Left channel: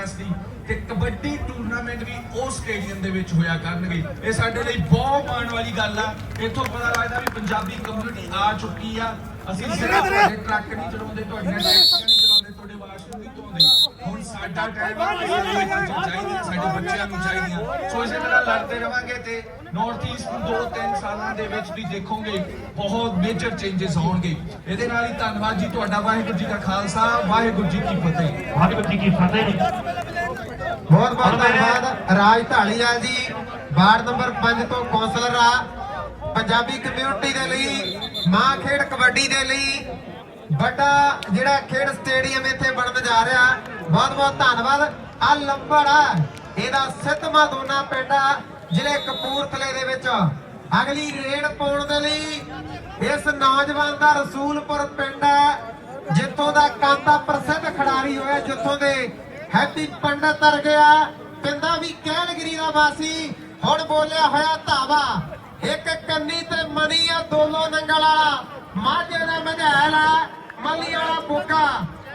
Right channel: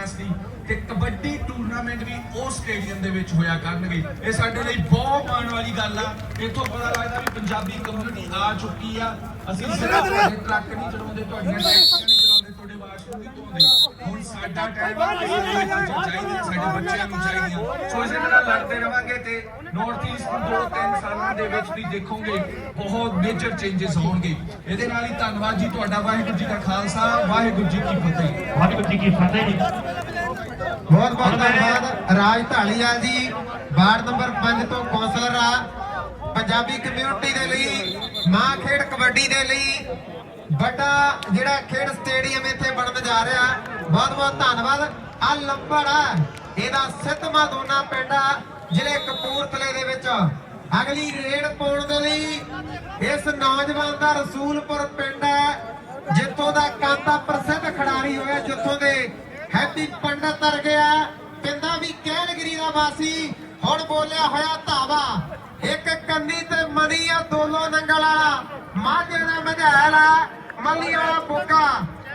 Capacity ਤੇ kabaddi tournament ਵੀ ਉਹ stadium ਦੇ ਵਿੱਚ ਹੋਇਆ ਕਰਨਗੇ। ਇਹ ਸਾਡੇ ਲਈ ਬਹੁਤ ਮਾਣ ਵਾਲੀ ਗੱਲ ਆ। ਇੱਥੋਂ ਪਤਾ ਲੱਗਦਾ ਵੀ ਪੰਜਾਬੀ ਕਮਿਊਨਿਟੀ ਆ ਚੁੱਕੀ ਆ। ਅਸੀਂ ਸਿਰਫ ਤੁਹਾਡੇ ਟਰੱਕ ਨਹੀਂ ਚਲਾਉਂਦੇ ਤੁਹਾਡੀਆਂ ਟੈਕਸੀਆਂ ਨਹੀਂ ਚਲਾਉਂਦੇ ਤੁਹਾਡੇ ਵਾਸ਼ਰੂਮ ਨਹੀਂ ਧੋਂਦੇ ਹੁਣ ਸਾਡਾ ਟਾਈਮ ਆ ਅਸੀਂ ਇਹ ਚੀਜ਼ਾਂ ਚਾਹੀਦੀਆਂ ਸਾਡੇ ਬੱਚਿਆਂ ਨੂੰ ਚਾਹੀਦੀਆਂ ਸੋ ਇਸੇ ਤਰ੍ਹਾਂ ਲੜਦੇ ਰਵਾਂਗੇ ਤੇ ਨਾਰਥ ਈਸਟ ਨੂੰ ਦੋ ਤਿੰਨ ਸਾਲਾਂ ਦੇ ਵਿੱਚ ਵੀ ਦੇਖੋਗੇ ਬਹੁਤ ਮੇਜਰ ਚੇਂਜਸ ਹੋਣਗੇ। ਇਹਦੇ ਨਾਲ ਹੀ ਧੰਨਵਾਦ ਜੀ ਤੁਹਾਡਾ ਵਾਹਿਗੁਰੂ ਜੀ ਦਾ ਖਾਲਸਾ ਵਾਹਿਗੁਰੂ ਜੀ ਕੀ ਫਤਿਹ। ਵਾਹਿਗੁਰੂ ਜੀ ਕੀ ਫਤਿਹ ਜੀ। ਬਹੁਤ ਬਹੁਤ ਧੰਨਵਾਦ ਰਾਜ ਢਾਲੀਵਾਲ ਜੀ ਵਾਰਡ ਨੰਬਰ 5 ਤੋਂ ਕੌਂਸਲਰ ਆ। ਪੰਜਾਬੀ ਕਮਿਊਨਿਟੀ ਦੇ ਲਈ ਮਾਂ ਖੇਡ ਕਬੱਡੀ ਦੇ ਲਈ ਵੱਡਾ ਜਿਹੜਾ ਖੇਡ ਸਟੇਡੀਅਮ ਇੱਥੇ ਬਣਨ ਜਾ ਰਿਹਾ। ਬਹੁਤ ਬਹੁਤ ਧੰਨਵਾਦ। ਆ ਲੰਬੜ ਇਹਦਾ ਸਿੱਧਮਾ ਦੋਨਾ ਪਿੰਡਾ ਜ਼ਿਲ੍ਹੇ ਕਪੂਰਥਲੇ ਦੇ ਵਿੱਚ। ਅਗਲੀ ਰੇਡ ਪਾਉਣ ਦੇ ਲਈ ਇਸ ਨੌਜਵਾਨ ਦਾ ਰਸੂਲਪੁਰ ਪਿੰਡ ਹੈ ਜਿੱਥੋਂ ਦਾ ਕਾਂਤਾ ਪ੍ਰਸਿੱਧ ਖਿਡਾਰੀ ਹੋਇਆ, ਜਿੱਥੋਂ ਦੇ ਹੈਪੀ ਪੰਡਤ ਤਰ ਗਿਆ ਕਹਿੰਦਾ ਵੀ ਕੈਲਗਰੀ ਦਾ ਵਾਸੀ, ਹੁਣ ਬੋਲਿਆ ਹੋਇਆ ਧਾਵਾ। ਇੱਕ ਕੰਨੀ ਤੇ ਮਨੀ ਆ ਦੋਲੋ ਨੰਗਲ ਵਾਲਾ। ਮਾਝੇ ਦਾ ਮਝੈਲ ਆ, ਮੱਲੀ ਵਾਲਾ ਬੁੱਕਾ।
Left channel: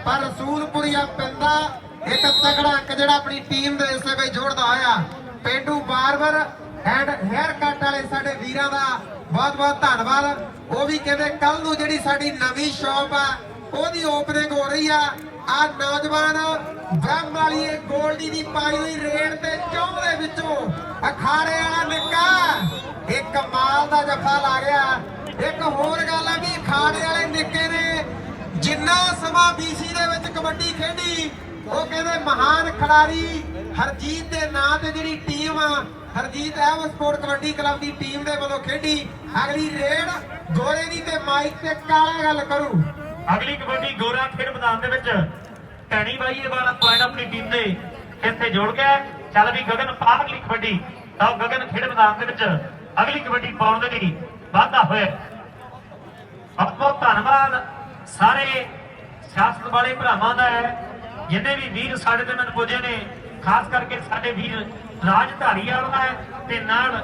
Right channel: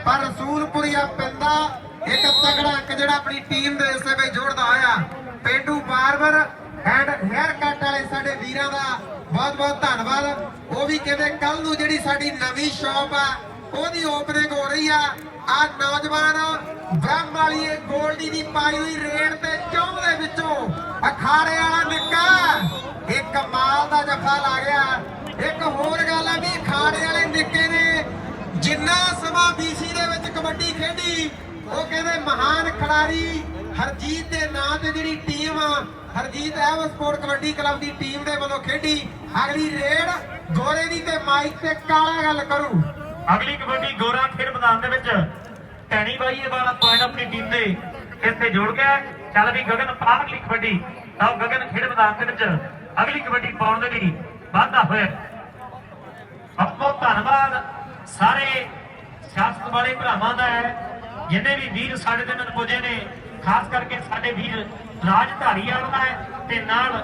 ਪਰ ਰਸੂਲਪੁਰੀਆ ਪਿੰਦਾ ਇੱਕ ਤਗੜਾ ਇੱਕ ਜਿਹੜਾ ਆਪਣੀ ਟੀਮ ਦੇ ਇਸੇ ਵਿੱਚ ਜੋੜਦਾ ਹੋਇਆ। ਪੇਂਡੂ ਬਾਰਬਰ ਐਂਡ ਹੈਅਰ ਕੱਟ ਵਾਲੇ ਸਾਡੇ ਵੀਰਾਂ ਦਾ ਬਹੁਤ ਬਹੁਤ ਧੰਨਵਾਦ। ਉਹ ਵੀ ਕਹਿੰਦੇ ਕੱਲ ਨੂੰ ਜਿਹੜੀ ਸਾਡੀ ਨਵੀਂ ਸ਼ਾਪ ਹੈ, ਉਹਦੀ ਓਪਨਿੰਗ ਹੋ ਰਹੀ ਆ। ਆ ਨੌਜਵਾਨ ਬ੍ਰਹਮ ਵਾਲੀ ਇਹ ਗੋਲਡੀ ਦੀ ਪਾਈ ਹੋਈ ਰੇਡ ਤੇ ਚੌਂ ਦੇ ਵਿੱਚੋਂ ਅਖਾੜੇ ਵਾਲਾ ਨਿੱਕਾ ਇਹ ਕਮਾਲ ਦਾ ਜੱਫਾ ਲਾ ਗਿਆ। ਇੱਕ ਹੋਰ ਗੱਲ ਆ ਵੀ ਅਖਾੜੇ ਵਾਲੇ ਨਿੱਕੇ ਜਿੰਨਾ ਸਮਾਂ BC ਦੇ ਵਿੱਚ ਕਬੱਡੀ ਖੇਡੀ, ਉਹ ਕਹਿੰਦੇ ਮਹਾਨ ਖਿਡਾਰੀ ਹਰਜੀਤ ਦੇ ਨਾਂ ਤੇ ਜਿਹੜੀ ਟੀਮ ਹਰਜੀਤ ਐਵ ਸਪੋਰਟ ਕਬੱਡੀ ਕਲੱਬ ਦੀ ਟੀਮ ਦੇ ਵੱਲੋਂ ਖੇਡੀ। ਅਗਲੀ ਰੇਡ ਗੋਰੇ ਦੀ ਤੇ ਮਾਈਕ ਤੇ ਕਾਲਾ ਗੱਲ ਕਰੂ। ਅਗਲੀ ਕਬੱਡੀ ਗੋਰਾ ਖੇਡ ਮੈਦਾਨ ਦੇ ਵਿੱਚ ਟੈਣੀ ਬਾਈ ਇਹ ਵਾਲਾ ਪੁਆਇੰਟ ਆਪਣੀ ਟੀਮ ਦੇ ਇੱਥੇ ਜੋੜ ਗਿਆ ਚੱਲ ਵੀ ਗਗਨ ਪਾ ਕਬੱਡੀ। ਤਾਂ ਗਗਨ ਖੇਡ ਮੈਦਾਨ ਦੇ ਵਿੱਚ ਅਗਲੀ ਕਬੱਡੀ ਪਾਉਣ ਦੇ ਲਈ ਵਾਧਾ ਹੋਇਆ ਬਹੁਤ ਬਹੁਤ ਧੰਨਵਾਦ। ਸਾਰੇ ਸਿਆਸਤ ਵਾਲੇ ਭਰਾਵਾਂ ਦਾ ਹੈ, ਜਿੰਨੇ ਵੀ ਵੀਰ ਸਾਡੇ ਦੇ ਨਾਲ ਪੁੱਜੇ ਨੇ, ਖਾਸ ਕਰਕੇ ਸਾਡੇ ਵੀਰ ਰਾਜਧਾਰੀ ਵਾਲਾ ਹੈ, ਤੇ ਨਾਲ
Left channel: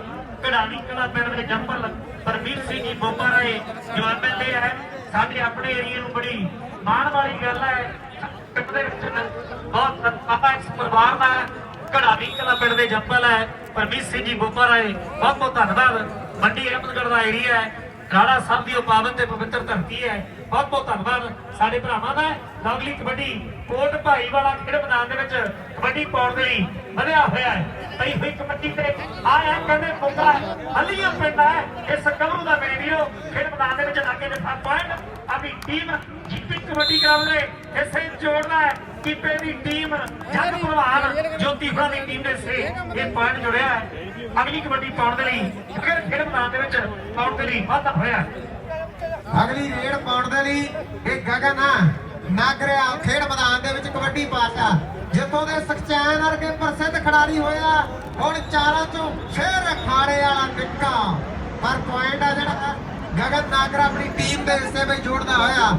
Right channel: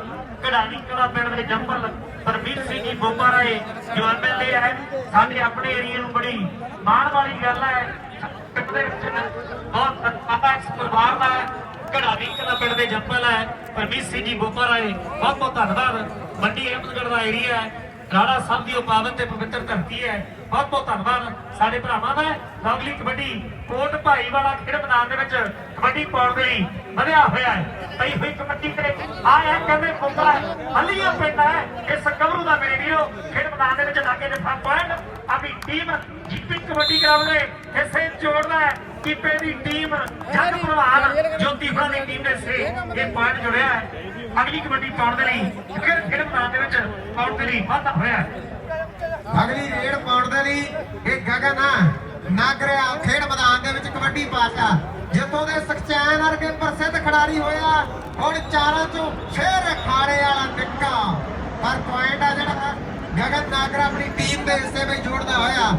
ਕਢਾਣੀ ਕਲਾ ਪਿੰਡ ਦੇ ਜੰਪਲ ਪਰਮੀਤ ਸਿੰਘ ਜੀ ਬੋਪਾ ਰਾਏ ਜੋ ਐਮਐਲਏ ਹੈ, ਸਾਡੇ ਆਪਣੇ ਏਰੀਆ ਨੂੰ ਬੜੀ ਮਾਣ ਵਾਲੀ ਗੱਲ ਹੈ। ਪਿੰਡ ਬਹੁਤ ਆਪਾਂ ਇਸ ਪਰਿਵਾਰ ਦਾ ਕਢਾਣੀ ਕਲਾ ਪਿੰਡ ਦੇ ਜੰਪਲ ਹੈ, ਪਰਮੀਤ ਸਿੰਘ ਜੀ ਬੋਪਾ ਰਾਏ ਬਹੁਤ ਬਹੁਤ ਧੰਨਵਾਦ। ਮੰਡੀ ਅਹਿਮਦਗੜ੍ਹ ਦਾ ਏਰੀਆ ਹੈ ਰਾਣਾ ਸਾਹਿਬ ਦੀ ਉਹ ਪਾਵਨ ਤੇ ਪਵਿੱਤਰ ਧਰਤੀ ਹੈ। ਬਹੁਤ ਬਹੁਤ ਧੰਨਵਾਦ ਸਾਡੇ ਭਰਾਵਾਂ ਦਾ। ਲਵਲੀ ਕਬੱਡੀ ਕੋਟ ਭਾਈ ਵਾਲਾ ਖੇਡ ਮੈਦਾਨ ਦੇ ਵਿੱਚ ਕਬੱਡੀ ਪਾਉਣ ਦੇ ਲਈ ਵਧਿਆ ਹੋਇਆ ਹੈ। ਪਈ ਹੋਈ ਕਬੱਡੀ ਤੇ ਆਇਆ ਕਹਿੰਦੇ ਪੁੱਤਰਾ ਹੱਲੀਆਂ ਪਿੰਡ ਹੈ। ਇਸ ਕਵਰੂ ਦਾ ਵੀਡੀਓ ਖੇਡ ਮੈਦਾਨ ਦੇ ਵਿੱਚ ਲਾਗੇ ਦੇ ਫਾ ਪੁਆਇੰਟ ਆਪਣੀ ਟੀਮ ਜੀਪੀ ਕਬੱਡੀ ਗਰਾਊਂਡ ਦੇ। ਇਸੇ ਜੋੜਦਾ ਹੈ ਕੀਪੇ ਦੀ ਟੀਮ ਜੱਗ ਭਲਵਾਨ ਜੋਤੀ ਦੀ ਟੀਮ ਦੇ ਸੇ ਇਹ ਪੁਆਇੰਟ ਜੁੜਿਆ ਹੈ। ਅਗਲੀ ਕਬੱਡੀ ਪਾਉਣ ਦੇ ਲਈ ਫਿਰ ਖੇਡ ਮੈਦਾਨ ਦੇ ਵਿੱਚ ਪਾਉਣ ਦੇ ਲਈ ਵਾਧਾ ਹੋਇਆ। ਅਗਲੀ ਰੇਡ ਪਾਉਣ ਦੇ ਲਈ ਇਹ ਗਗਨ ਨਾਗਰਿਆ ਖੇਡ ਮੈਦਾਨ ਦੇ ਵਿੱਚ ਕਬੱਡੀ ਪਾਸਾ ਜਿੱਥੋਂ ਦੇ ਸਕਚੈਨ ਵਰਗੇ ਪ੍ਰਸਿੱਧ ਖਿਡਾਰੀ ਹੋਇਆ, ਹੁਣ ਚਾਰਾਂ ਚੋਂ ਫੇਰ ਅਖਾੜੇ ਵਾਲਾ ਨਿੱਕਾ। ਪਰ ਪੁਆਇੰਟ ਆ ਜਿਹੜਾ ਗਗਨ ਨਾਗਰਾ ਆਪਣੀ ਟੀਮ ਦੇ ਹਿੱਸੇ ਵਿੱਚ ਜੋੜਦਾ ਹੋਇਆ।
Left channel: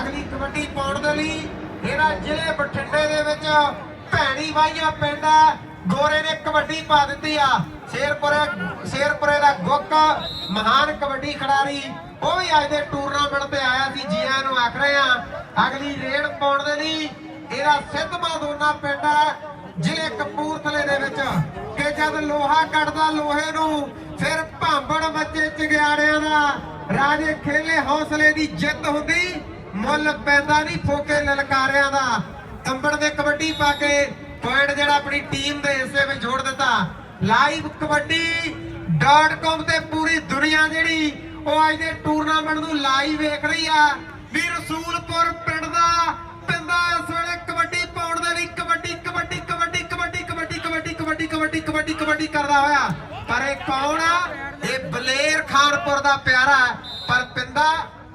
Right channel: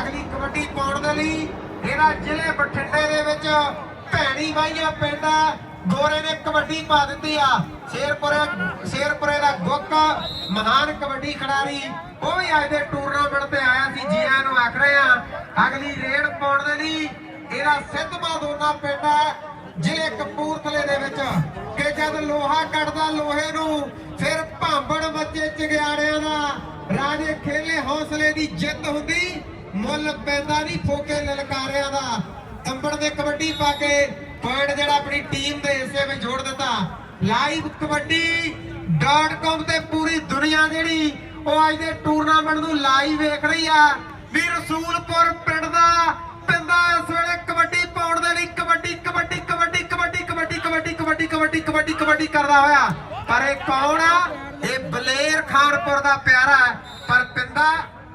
ਅਗਲੀ ਕਬੱਡੀ ਪਾਉਣ ਦੇ ਲਈ ਇਹਨਾਂ ਜ਼ਿਲ੍ਹੇ ਬਠਿੰਡੇ ਦੇ ਵਿੱਚ ਭੈਣੀ ਵਾਈਆਂ ਪਿੰਡ ਆ ਗੋਰੇ ਨੇ ਕਬੱਡੀ ਪਾ ਦਿੱਤੀ ਆ। ਸ਼ੇਰਪੁਰੇ ਸ਼ੇਰਪੁਰੇ ਦਾ ਗੁੱਕ, ਮਹਾਨ ਕਬੱਡੀ ਖਿਡਾਰੀ। ਉਹ ਵੀ ਅੱਜ ਦੇ ਟੂਰਨਾਮੈਂਟ ਤੇ ਆਇਆ ਸੀ ਜੀ ਨੂੰ ਆਖ ਰਹੇ ਆ, ਅਗਲੀ ਰੇਡ ਪਾਉਣ ਦੇ ਲਈ। ਇਹਦਾ ਸਿੱਧਮਾ ਦੋਨਾ ਪਿੰਡ ਹੈ ਜ਼ਿਲ੍ਹੇ ਕਪੂਰਥਲੇ ਦੇ ਵਿੱਚ। ਕਿ ਜਦ ਲੋਹਾ ਕੱਢਦਾ ਲੋਹੇ ਨੂੰ, ਫਿਰ ਭਾਂਬੜ ਮੱਚੇ ਚਿਗਿਆੜਿਆਂ ਦਾ। ਰਾਜੇ ਖੇਲੇ ਹੌਸਲੇ ਦੀ ਜਿੱਤ ਹੁੰਦੀ, ਮੁੱਲ ਪੈਂਦਾ ਨਹੀਂ ਫੋਕੇ ਲਲਕਾਰਿਆਂ ਦਾ। ਕੰਬੜ ਦੇ ਕਬੱਡੀ ਪਾ ਕੇ ਪੁਆਇੰਟ ਜਿਹੜਾ ਆਪਣੀ ਟੀਮ ਦੇ ਹਿੱਸੇ ਵਿੱਚ ਜੋੜ ਦਿੱਤਾ। ਲਾਈਵ ਕਬੱਡੀ.com ਤੇ ਪੂਰੀ ਦੁਨੀਆ ਜਿਹੜੀ ਉਹ ਅੱਜ ਦੇ ਟੂਰਨਾਮੈਂਟ ਨੂੰ ਲਾਈਵ ਵੇਖ ਰਹੀ ਆ। ਵੀ ਰਸੂਲਪੁਰ ਪਿੰਡ ਦਾ ਪਿੰਦਾ ਇਸ ਵੇਲੇ ਕਬੱਡੀ ਪਾਉਣ ਦੇ ਲਈ ਕਬੱਡੀ ਕਬੱਡੀ ਕਬੱਡੀ ਕਬੱਡੀ ਕਬੱਡੀ ਕਬੱਡੀ ਕਬੱਡੀ ਕਬੱਡੀ ਕਬੱਡੀ ਕਬੱਡੀ ਕਰਦਾ ਹੋਇਆ। ਪਰ ਇਹ ਕੌਣ ਆ? ਇਹ ਬਲੇਰ ਖਾਨਪੁਰ ਦਾ ਪਿਆਰਾ ਪਰ ਪਿੰਦਾ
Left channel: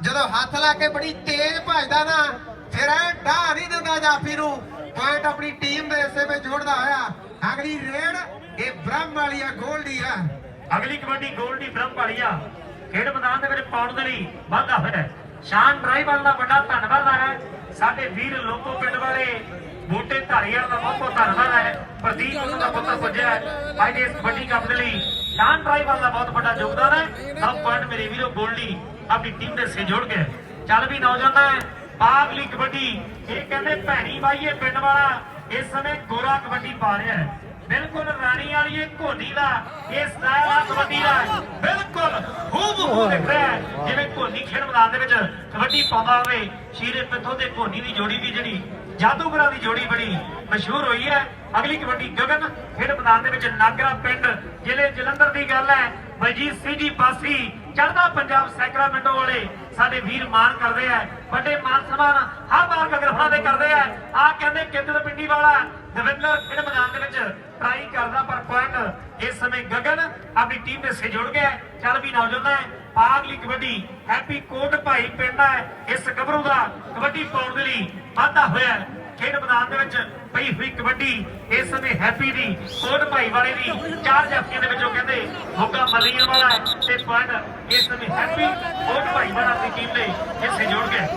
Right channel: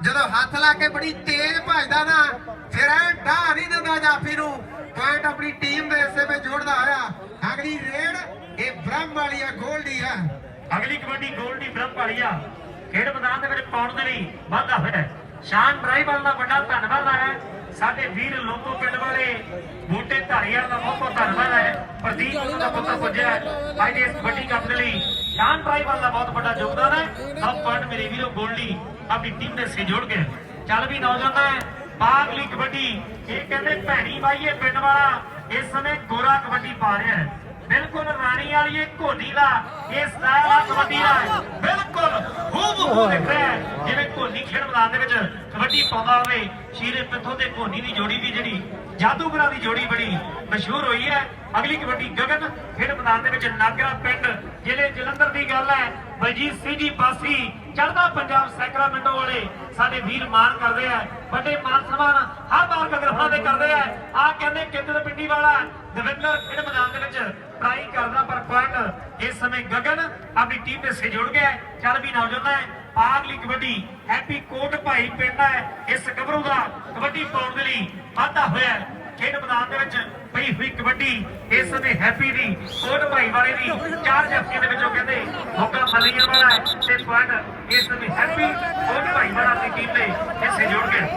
ਜਦੋਂ ਹੱਥ ਲਾ ਕੇ ਬੜੀ ਤੇਜ਼ ਭਜਦਾ ਨਾ, ਫਿਰ ਐ ਢਾਹ ਨਹੀਂ ਦਿੰਦਾ ਜਾਫੀ ਨੂੰ। ਪੁਆਇੰਟ ਆਪਣੀ ਟੀਮ ਦੇ ਹਿੱਸੇ ਵਿੱਚ ਜੋੜਦਾ ਹੋਇਆ। ਅਗਲੀ ਰੇਡ ਇਹ ਬ੍ਰਹਮ ਵਾਲੀ ਹੈ ਗੋਲਡੀ ਹੈ ਅਗਲੀ ਕਬੱਡੀ ਗੋਲਡੀ ਬ੍ਰਹਮ ਵਾਲੀਆ ਖੇਡ ਮੈਦਾਨ ਦੇ ਵਿੱਚ ਪਾਉਣ ਦੇ ਲਈ ਵਾਧਾ ਹੋਇਆ ਸ਼ਾਨ ਡਰਾਈਵਰ ਦਾ ਵੱਡਾ ਧੰਨਵਾਦ ਹੈ ਸਾਡੇ ਵੀਰ ਲੋਕੋ ਪਿੰਡ ਵਾਲੇ, ਬੂਟੇ ਧਾਰੀਵਾਲ ਦਾ ਬਹੁਤ ਬਹੁਤ ਧੰਨਵਾਦ ਹੈ ਪ੍ਰਦੀਪ ਦਾ ਪੁੱਤਰ ਪੁੱਜਿਆ ਅੱਜ ਇਸ ਕਬੱਡੀ ਕੱਪ ਦੇ ਲਈ ਸ਼ਾਨ ਡਰਾਈਵਰ ਦਾ ਬਹੁਤ ਵੱਡਾ ਯੋਗਦਾਨ ਹੈ। ਸਭ ਪੁਆਇੰਟ ਮੇਰੇ ਵੀਰੋ ਗੋਲਡੀ ਆਪਣੀ ਟੀਮ ਦੇ ਸੇ ਜੋੜ ਗਏ ਚੱਲ ਵੀ ਨੌਜਵਾਨਾਂ ਬਾਗਲੀ ਕਬੱਡੀ ਇਹ ਕਹਿੰਦੇ ਭੈਣੀ ਬਾਈਏ ਪਿੰਡ ਵਾਲਾ ਇਸ ਸਮੇਂ ਗੋਰਾ ਕਬੱਡੀ ਪਾ ਰਿਹਾ ਹੈ। ਬਿਲਕੁਲ ਰਾਣੀ ਵਾਲੀ ਇਹ ਘੋੜੀ ਦਾ ਇਹ ਸਟਾਈਲ ਆ ਕਬੱਡੀ ਦਾ। ਬਿਲਕੁਲ ਹੂਬ ਹੂ ਦਿਖ ਰਿਹਾ ਹੈ। ਜਿਵੇਂ ਘੋੜੀ ਖੇਡ ਮੈਦਾਨ ਦੇ ਵਿੱਚ ਕਬੱਡੀ ਪਾਉਂਦਾ ਹੋਵੇ ਸ਼ੀਰੇ ਪਿੱਥੋਂ ਤੇ ਘੋੜੀ ਦੀ ਜੋੜੀ ਦੀ ਜਿਹੜੀ ਜਾਦੂਗਰਾਂ ਦੀ ਜੋੜੀ ਬੜੀ ਮਸ਼ਹੂਰ ਹੋਈ ਹੈ। ਅਗਲੀ ਕਬੱਡੀ ਗਗਨ ਖੇਡ ਮੈਦਾਨ ਦੇ ਵਿੱਚ ਨਾਗਰਾ ਪਿੰਡ ਜ਼ਿਲ੍ਹੇ ਜਲੰਧਰ ਦੀ ਗੱਲ ਹੈ। ਬਲਜੀਤ ਸਿੰਘ ਜੀ ਪਾਸੀ ਚੜ੍ਹਦਾ ਪੰਜਾਬ ਸੈਕਰਾਮੈਂਟੋ ਵਾਲੇ ਸਾਡੇ ਵੀਰ ਮਾਨ ਕਰਦੇ ਆ। ਵੱਡੇ ਮਾਨ ਸਨਮਾਨ ਹਰ ਵਾਰ ਗਗਰਫਾ ਦੇ ਕਰਦੇ ਆ। ਆ ਕਹਿੰਦੇ ਕਿੰਦਰ ਪਿੰਡੀ ਵਾਲਾ? ਦਵਿੰਦਰ ਖੇਡ ਮੈਦਾਨ ਦੇ ਵਿੱਚ ਟਰਾਈ ਕਰਦਾ ਪਰ ਪੁਆਇੰਟ ਇਸ ਸਮੇਂ ਗਗਨ ਆਪਣੀ ਟੀਮ ਦੇ ਸੇ ਜੁੜ ਗਿਆ ਚੱਲ ਵੀ ਨੌਜਵਾਨ ਹੈ। ਪਾਗਲੀ ਕਬੱਡੀ। ਹੈਪੀ ਕੋਟ ਭਾਈ ਪਿੰਡ ਹੈ। ਇਸ ਗੱਭਰੂ ਦਾ ਕਬੱਡੀ ਪਾਉਣ ਦੇ ਲਈ ਵਾਧਾ ਹੋਇਆ ਖੇਡ ਮੈਦਾਨ ਦੇ ਵਿੱਚ ਪਈ ਹੋਈ ਕਬੱਡੀ ਇਸ ਸਮੇਂ ਹੈਪੀ ਦੀ, ਕੋਟ ਭਾਈ ਵਾਲੇ ਦੀ। ਚਾਰ ਜੱਫੇ ਦੇ ਵਿੱਚੋਂ ਕਹਿੰਦੇ ਮੋਗਾ ਮਲੀਆਂ ਵਾਲਾ ਤੇ ਪੁਆਇੰਟ ਇਸ ਸਮੇਂ ਹੈਪੀ ਕੋਟ ਭਾਈ ਵਾਲਾ ਦੀ ਟੀਮ ਦੇ ਇਸੇ ਜੁੜ ਗਏ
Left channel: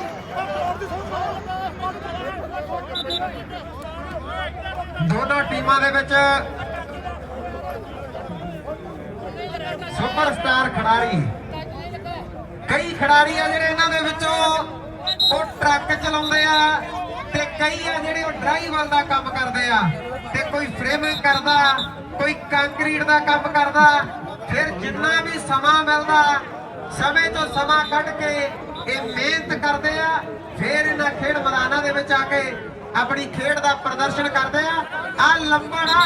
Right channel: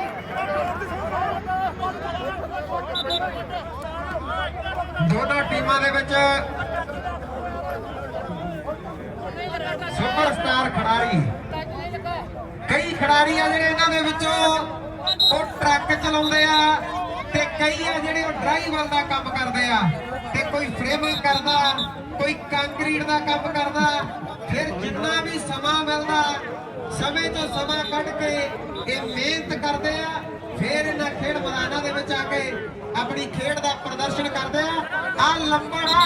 ਦੋਨਾਂ ਟੀਮਾਂ ਦੇ ਵਿੱਚ ਸੁਪਰਸਟਾਰ ਖਿਡਾਰੀ। ਕਈ ਖਿਡਾਰੀ ਆ ਜਿਹੜੇ ਇਹਨਾਂ ਦੇ ਵਿੱਚੋਂ ਉਹ ਟਰੱਕ ਚਲਾਉਂਦੇ ਆ ਤੇ ਕਈ ਆ ਜਿਹੜੇ ਉਹ ਡਰਾਈਵਰ ਦਾ ਕੰਮ ਕਰਦੇ ਆ ਤੇ ਕੋਈ ਫਰੇਮਿੰਗ ਕਰਦਾ, ਕੋਈ ਕੰਕਰੀਟ ਦਾ ਕੰਮ ਕਰਦਾ, ਫਿਰ ਜਿੰਨਾ ਵੀ ਸਮਾਂ ਮਿਲਦਾ, ਸਮੇਂ ਤੋਂ ਸਮਾਂ ਕੱਢ ਕੇ ਇਹ ਮਿਹਨਤ ਕਰਦੇ ਆ, ਫਿਰ ਇਹਨਾਂ ਖੇਡ ਮੈਦਾਨਾਂ ਦੇ ਵਿੱਚ ਆ ਕੇ ਆਪਣੀ ਖੇਡ ਦਾ ਪ੍ਰਦਰਸ਼ਨ ਕਰਦੇ ਆ। ਆ ਲੰਬੜਾ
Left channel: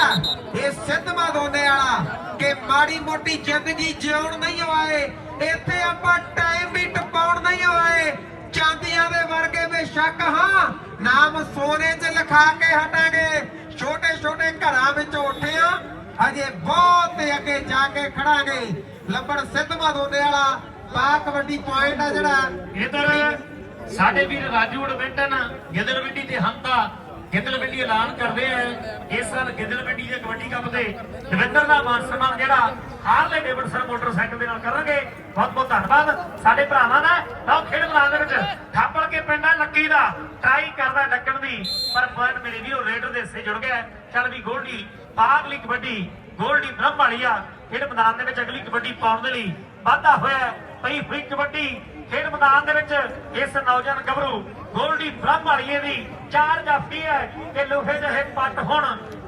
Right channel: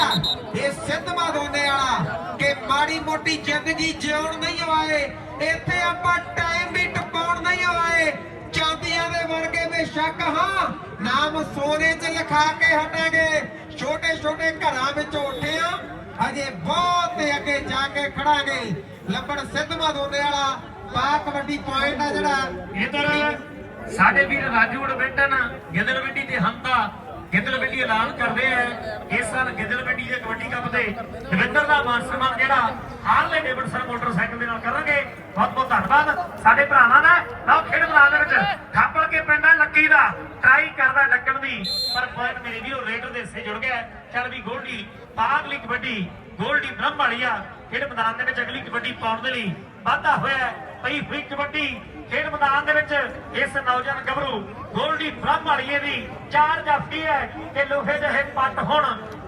ਇਹ ਸਿੱਧਵਾ ਦੋਨੇ ਵਾਲਾ ਕਿ ਮਾੜੀ ਮੋਟੀ ਜ਼ਿੰਦਗੀ ਜਿਉਣ ਨਹੀਂ ਆਏ ਇੱਥੇ ਆਪਾਂ ਟਾਈਮ ਵੀ ਟਪਾਉਣ ਨਹੀਂ ਆਏ ਚਾਂਦੀਆਂ ਦੇ ਵਰਗੇ ਬੇਸ਼ੱਕ, ਹਾਂ, ਨਾਮ ਸੋਨੇ 'ਚ ਲਿਖਾ ਕੇ ਹਟਾਂਗੇ। ਛੋਟੇ ਛੋਟੇ ਘਰਾਂ ਵਿੱਚੋਂ ਉੱਠਿਆ ਅਜੇ ਬਹੁਤ ਅੱਗੇ ਜਾ ਕੇ ਖੜਾਂਗੇ। ਲੰਬੜ ਸਿੱਧਵਾ ਦੋਨੇ ਵਾਲਾ ਪਾ ਕਬੱਡੀ ਪੁਆਇੰਟ ਆ ਜਿਹੜਾ। ਇਧਰ ਸਾਡੇ ਵੀਰ ਰਾਜੂ ਵੜਵਿੰਡਨ ਗਿੱਦੜਵਿੰਡੀ ਤੇ ਹੰਤਾ ਗਿੱਦੜਵਿੰਡੀ ਐਲਾਨ ਕਰਦੇ ਆ। ਇਸ ਸਾਲ ਗਿੱਦੜਵਿੰਡੀ ਦੇ ਕਬੱਡੀ ਕੱਪ ਦੇ ਦਵਿੰਦਰ ਦਾ ਮਾਨ ਸਨਮਾਨ ਜਿਹੜਾ ਹਾਰਲੇ ਡੇਵਿਡਸਨ ਮੋਟਰਸਾਈਕਲ ਦੇ ਨਾਲ ਕਰਾਂਗੇ ਬਹੁਤ ਬਹੁਤ ਧੰਨਵਾਦ। ਸਾਡੇ ਭਰਾਵਾਂ ਦਾ ਲਓ ਖੇਡ ਮੈਦਾਨ ਦੇ ਵਿੱਚ ਥਾਪੜ ਕੇ ਪਿੰਡਾ ਲੱਕੀ ਦਾ। ਟਰਾਈ ਕਰਦਾ ਡੱਕਣ ਦੀ, ਪਰ ਪੁਆਇੰਟ ਮੇਰੇ ਵੀਰੋ, ਰੇਡਰ ਦੇ ਹਿੱਸੇ ਜੁੜ ਗਿਆ। ਚੱਲ ਵੀ ਗੋਲਡੀ ਪਾਗਲੀ ਕਬੱਡੀ, ਗੋਲਡੀ ਬ੍ਰਹਮ ਵਾਲੀਆ ਖੇਡ ਮੈਦਾਨ ਦੇ ਵਿੱਚ ਅਗਲੀ ਕਬੱਡੀ ਪਾਉਣ ਦੇ ਲਈ ਵਾਧਾ ਹੋਇਆ। ਪਈ ਹੋਈ ਕਬੱਡੀ ਖੇਡ ਮੈਦਾਨ ਦੇ ਵਿੱਚ ਇਸ ਨੌਜਵਾਨ ਗੱਭਰੂ ਗੋਲਡੀ ਬ੍ਰਹਮ ਦੀ ਚਾਰ ਜਾਫੀ ਹੈ ਤੇ ਲੋਹੇ ਜਿਹੇ ਪੱਟ ਹੁਣ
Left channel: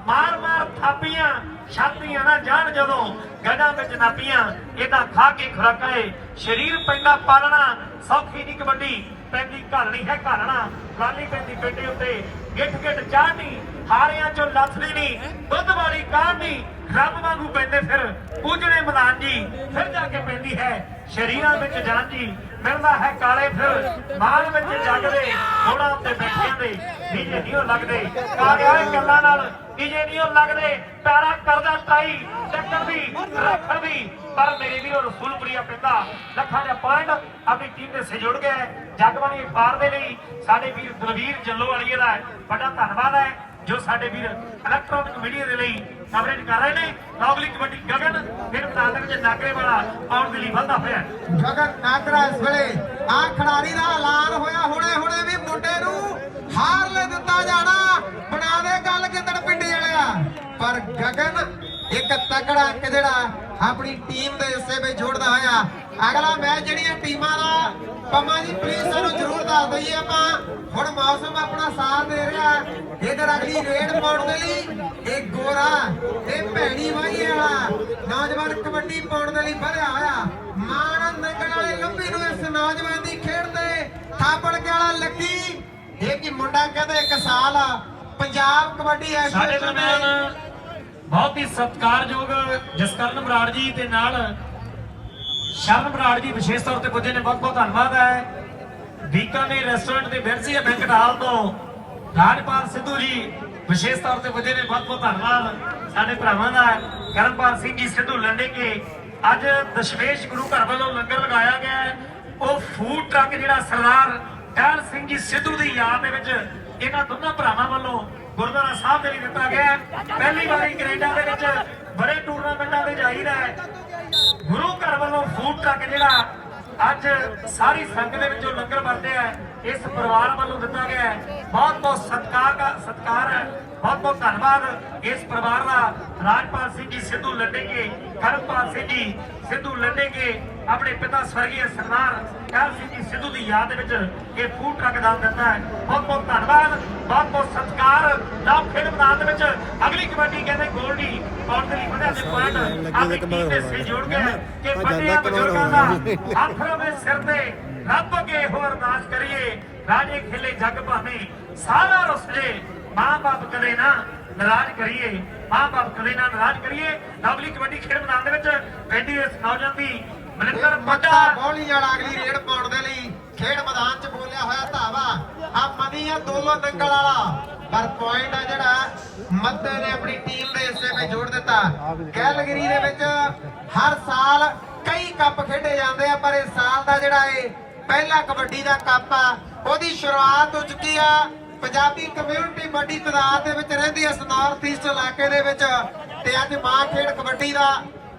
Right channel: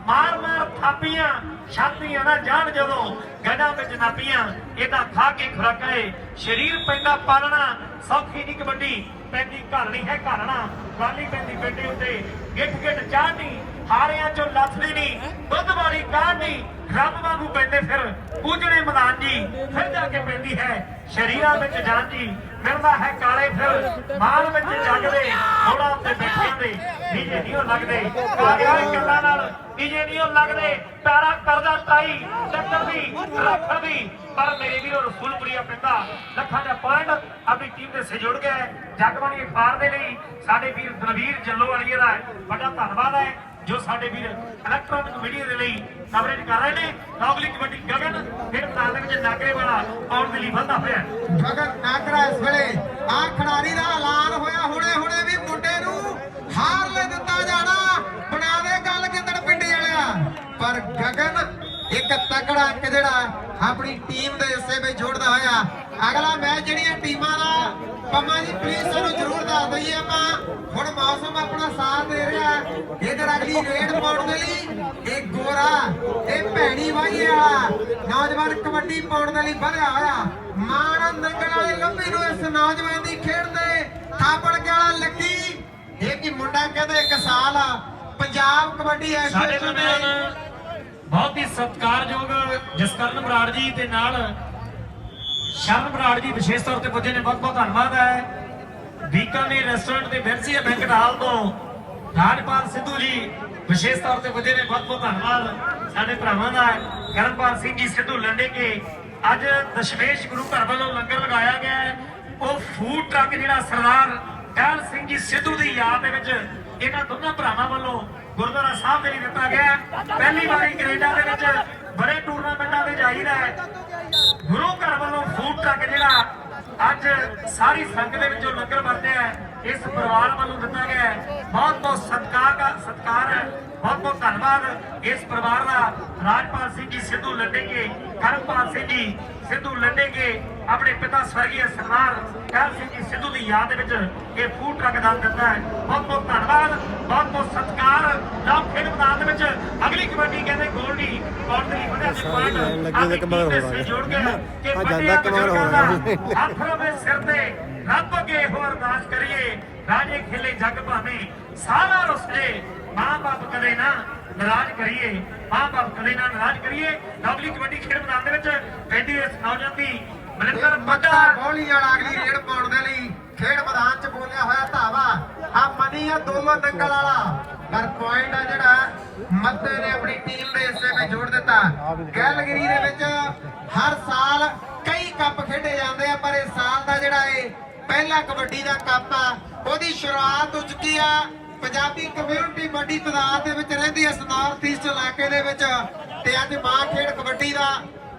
ਮਾਰ ਮਾਰ ਥਾਪੀਆਂ, ਛਾਤੀਆਂ ਨਾ ਜਾਣ ਜਦੋਂ ਗੜਾਂ ਵਿੱਚ ਨਾਪੀਆਂ। ਇਹਦਾ ਖਾ ਕੇ ਖੁਰਾਕਾਂ ਏ ਸਰੀਰ ਪੈਂਦਾ ਪਾਲਣਾ, ਸੌਖੀ ਦੀ ਕਬੱਡੀ, ਪੈਂਦੀ ਘਾਲਣੀ ਹੈ ਘਾਲਣਾ ਗਾਲੀ ਪੈਂਦੀ ਪੇਟੇ ਉੱਤੇ ਗਿੱਠ ਗਿੱਠ ਚਾਹਣੀ ਹਾਰਿਆਂ ਚੋਂ ਲੱਥਦੀ ਨਹੀਂ, ਦੁੱਧ ਵਾਲੀ ਕਾਹਨੀ ਰੱਬ ਵਾਂਗੂ ਪੈਂਦੇ ਫਿਰ, ਪੂਜਣੇ ਮੈਦਾਨ ਜੀ, ਫਿਰ ਜਾ ਕੇ ਪੈਂਦੀ ਹੈ ਸ਼ਰੀਰਾਂ ਵਿੱਚ ਜਾਨ ਮਿਲਦਾ ਹੈ ਕਾਲੇ ਫਿਰ, ਮਾਲ ਵਿੱਚ ਜਗਦੇ ਥੋੜਾ ਉੱਤੇ ਬੈਠੇ ਦੇ ਨੀਜੇ ਨਹੀਂ ਲੱਗਦੇ, ਕਾਲਿਆਂ ਗੱਲਾਂ ਨਾਲ ਨੀਜੇ ਨਹੀਂ ਲੱਗਦੇ ਪੈਰਾ ਕਰਦਾ ਟਾਈ ਟੱਕਰ ਦੀ, ਰੱਖਣ ਦੀ, ਪਰ ਮੇਰੇ ਵੀਰੋ ਰਸੂਲਪੁਰੀਆ ਪੈਂਦਾ ਲੱਖਾਂ ਦਾ ਪੁਆਇੰਟ ਆਪਣੀ ਟੀਮ ਦੇ ਸੇ ਜੁੜ ਗਿਆ ਹੈ। ਜਗਬਾਣੀ ਅਖਬਾਰ ਦੇ ਲਈ ਸਾਡੇ ਵੀਰ ਦਲਵੀਰ ਜੱਲੋ ਵਾਲੀਏ ਦਾ ਵੱਡਾ ਧੰਨਵਾਦ ਹੈ, ਜੋ ਸਾਡੇ ਵੀਰ ਇਲੈਕਟ੍ਰੋਨਿਕ ਮੀਡੀਆ ਦੇ ਲਈ ਕਵਰੇਜ ਕਰ ਰਹੇ ਨੇ। ਨੌਗਲੀ ਕਬੱਡੀ ਗਗਨ ਫਿਰ ਮੈਦਾਨ ਦੇ ਵਿੱਚ ਨਾਗਰੇ ਵਾਲਾ ਆਉਣ ਦੇ ਲਈ ਵੱਧਦਾ ਹੋਇਆ ਗਗਨ ਨਾਗਰਾ ਇਸ ਵੇਲੇ। ਆ ਖਿਡਾਰੀ ਦਾ ਐਲਾਨ ਹੋਇਆ ਹੁਣੇ ਹੁਣੇ ਵੀ ਮੁੰਡੇ ਨੂੰ ਹਾਰ ਲੈ ਦਿੱਤਾ ਜਾਣਾ ਬਣਾ ਦੇ ਗੱਲ ਗਿੱਦੜ ਪਿੰਡੀ ਵਾਲਿਆ ਪਰ ਗਗਨ ਇੱਕ ਤਕੜਾ ਅੰਕ ਜਿਹੜਾ ਆਪਣੀ ਟੀਮ ਦੇ ਹਿੱਸੇ ਵਿੱਚ ਜੋੜਦਾ ਹੋਇਆ। ਅਗਲਾ ਮੈਚ ਜਿਹੜੀਆਂ ਟੀਮਾਂ ਦਾ, ਪੰਮਾ ਜੀ ਪਲੀਜ਼ ਸਾਨੂੰ ਜ਼ਰੂਰ ਦੱਸ ਦਈਏ ਆਪਾਂ। ਹੁਣ ਮੌਸਮ ਆਪਣਾ ਸਾਥ ਦੇ ਰਿਹਾ ਹੈ। ਇਧਰ ਅਗਲੀ ਰੇਡ ਪਾਉਣ ਦੇ ਲਈ ਇਹ ਗੋਰਾ, ਇਹ ਭੈਣੀ ਵਾਹੀ ਵਾਲਾ ਨੌਜਵਾਨ ਕਬੱਡੀ ਪਾਉਣ ਦੇ ਲਈ ਵਧਿਆ ਹੋਇਆ। ਮਾਨ ਨੰਗਲ ਵਾਲੇ ਲੰਬੀ ਨੂੰ ਇਸ ਨੌਜਵਾਨ ਦੀ ਖੇਡ ਦੇ ਥਾਪੜ ਵਾਲਾ ਲੱਕੀ ਇਹ ਕੀ ਮੁੰਡਾ ਕਹਿੰਦੇ ਇੱਕ ਸਾਲ ਆ। ਪੰਜਾਬ ਕਬੱਡੀ ਸਾਡੇ ਦਰਮਿਆਨ ਬਹੁਤ ਹੀ ਸਤਿਕਾਰਯੋਗ ਜਸਕਰਨ ਬਰਾੜ ਜੀ ਤੇ ਨਾਲ ਸ਼ਰਨ ਬਰਾੜ ਜੀ ਵਿਸ਼ੇਸ਼ ਤੌਰ ਤੇ ਪੁੱਜੇ ਨੇ, ਬਹੁਤ ਬਹੁਤ ਧੰਨਵਾਦ ਹੈ। ਬੀਕਾਨੇਰ ਰੈਸਟੋਰੈਂਟ ਤੇ ਬਿਰਸੀਆ ਬੈਂਕਟ ਹਾਲ ਤੋਂ। ਰਾਜਪਾਲ ਸਿੱਧੂ ਜੀ ਵਿਸ਼ੇਸ਼ ਤੌਰ ਤੇ ਪੁੱਜੇ ਨੇ, ਬਹੁਤ ਬਹੁਤ ਧੰਨਵਾਦ। ਸਾਡੇ ਭਰਾਵਾਂ ਦਾ ਕਰਨਪਾਲ ਸਿੰਘ ਜੀ, ਸਿੱਧੂ ਲੰਡੇ ਕੇ ਅੱਜ ਦਸ਼ਮੇਸ਼ ਗੁਰੂ ਘਰ ਵੱਲੋਂ ਲੰਗਰ ਲਗਾਇਆ ਗਿਆ ਹੈ। ਉਹ ਫੂਡ ਟਰੱਕ ਜਿਹੜਾ ਸਰਦਾਰ ਟਹਿਲ ਸਿੰਘ ਜੀ ਸਿੱਧੂ ਦੀ ਯਾਦ ਦੇ ਵਿੱਚ ਇਹਨਾਂ ਦੋਨਾਂ ਭਰਾਵਾਂ ਵੱਲੋਂ ਗੁਰਦੁਆਰਾ ਸਾਹਿਬ ਦੇ ਲਈ ਦਿੱਤਾ ਗਿਆ ਪਹਿਲੀ ਵਾਰੀ ਕੈਨੇਡਾ ਦੇ ਵਿੱਚ ਬੜੇ ਟੂਰਨਾਮੈਂਟਾਂ ਤੇ ਜਾਈਦਾ ਹੈ। ਗੁਰੂ ਘਰ ਵੱਲੋਂ ਫੂਡ ਟਰੱਕ ਜਿਹੜਾ ਅੱਜ ਸਾਰੀ ਸੰਗਤ ਦੇ ਵਿੱਚੋਂ ਲੰਗਰ ਵਰਤਿਆ ਇਸ ਪਰਿਵਾਰ ਵੱਲੋਂ ਦਿੱਤਾ ਗਿਆ ਬਹੁਤ ਬਹੁਤ ਸਤਿਕਾਰ ਦਾ ਸਤਿਕਾਰ ਹੈ ਬਹੁਤ ਬਹੁਤ ਧੰਨਵਾਦ ਇਸ ਪਰਿਵਾਰ ਦਾ ਰਾਜਪਾਲ ਸਿੰਘ ਜੀ ਸਿੱਧੂ ਲੱਡੇਗੇ ਕਰਮਪਾਲ ਸਿੰਘ ਜੀ ਸਿੱਧੂ ਲੱਡੇਗੇ ਆਪਣੇ ਪਿਤਾ ਸਵਰਗੀ ਸਰਦਾਰ ਕਹਿਲ ਸਿੰਘ ਜੀ ਸਿੱਧੂ ਦੀ ਯਾਦ ਦੇ ਵਿੱਚ ਇਹ ਫੂਡ ਟਰੱਕ ਦਾਨ ਦਿੱਤਾ ਹੈ। ਬਹੁਤ ਬਹੁਤ ਧੰਨਵਾਦ ਬਹੁਤ ਬਹੁਤ ਸਤਿਕਾਰ। ਨਾਮ ਖੇਡ ਮੈਦਾਨ ਦੇ ਵਿੱਚ ਅਗਲੀ ਕਬੱਡੀ ਕਹਿੰਦੇ ਗੋਲਡੀ ਕੌਂਟਰੀ ਵਧਾ ਦੇ ਪੁਆਇੰਟ ਲੈਣ ਲੱਗੀ ਉਹਦੇ ਕਮਰ ਹੋਣਾ ਜੋੜ ਕੇ ਕਿ ਆ ਜਾਂਦਾ ਕਮਰ ਹੋਣਾ ਅੱਖਰ ਵਿੱਚ ਸਿਰ ਤੇ ਰੱਬ ਅੱਗੇ ਹੋ ਅਰਦਾਸ ਕਰੀਏ। ਰਾਜੇ ਖੇਲੇ ਜੱਗ ਭਾਵੇਂ ਸਾਰਾ ਰੁੱਸ ਜੇ ਮਾਂ ਬਾਪ ਕਦੇ ਨਾ ਨਾਰਾਜ਼ ਕਰੀਏ ਮਾਂ ਬਾਪ ਕਦੇ ਨਾ ਨਾਰਾਜ਼ ਕਰੀਏ ਲਵਲੀ ਕਬੱਡੀ ਖੇਡ ਮੈਦਾਨ ਦੇ ਵਿੱਚ ਪੈਂਦੀ ਇਸ ਨੌਜਵਾਨ ਦੀ ਮਨਿੰਦਰ ਮੱਤਾ ਮੱਟਾ ਬੌਲੀ ਵਾਲਾ ਅਗਲੀ ਰੇਡ ਪਾਉਣ ਦੇ ਲਈ ਖੇਡ ਮੈਦਾਨ 'ਚ ਬੋਲਿਆ ਹੋਇਆ ਧਾਵਾ। ਆ ਮਨੀ ਆ ਦੋਲੋ ਨੰਗਲ ਵਾਲਾ। ਪਰ ਪੁਆਇੰਟ ਆ ਜਿਹੜਾ ਮੱਤੇ ਨੇ ਆਪਣੀ ਟੀਮ ਦੇ ਹਿੱਸੇ ਵਿੱਚ ਜੋੜ ਦਿੱਤਾ। ਗੈਲਗਰੀ ਦੇ ਵਿੱਚ ਹਰ ਸਾਲ ਕਈ ਕੱਪ ਖੇਡੇ ਜਾਂਦੇ ਆ ਪਰ ਇਸ ਸਾਲ ਦਾ ਜਿਹੜਾ ਇਹ ਪਹਿਲਾ ਕਬੱਡੀ ਦਾ ਕੱਪ ਆ ਉਹਦੀ ਸ਼ੁਰੂਆਤ ਹੋ ਚੁੱਕੀ ਆ। ਪੰਜਾਬੀ ਕਮਿਊਨਿਟੀ ਵੱਡੀ ਤਾਦਾਦ ਦੇ ਵਿੱਚ ਰਹਿੰਦੀ ਹੈ ਨਾਰਥ ਈਸਟ ਇਲਾਕੇ ਦੇ ਵਿੱਚ ਤੇ ਅੱਜ ਮਾਂ ਖੇਡ ਕਬੱਡੀ ਦਾ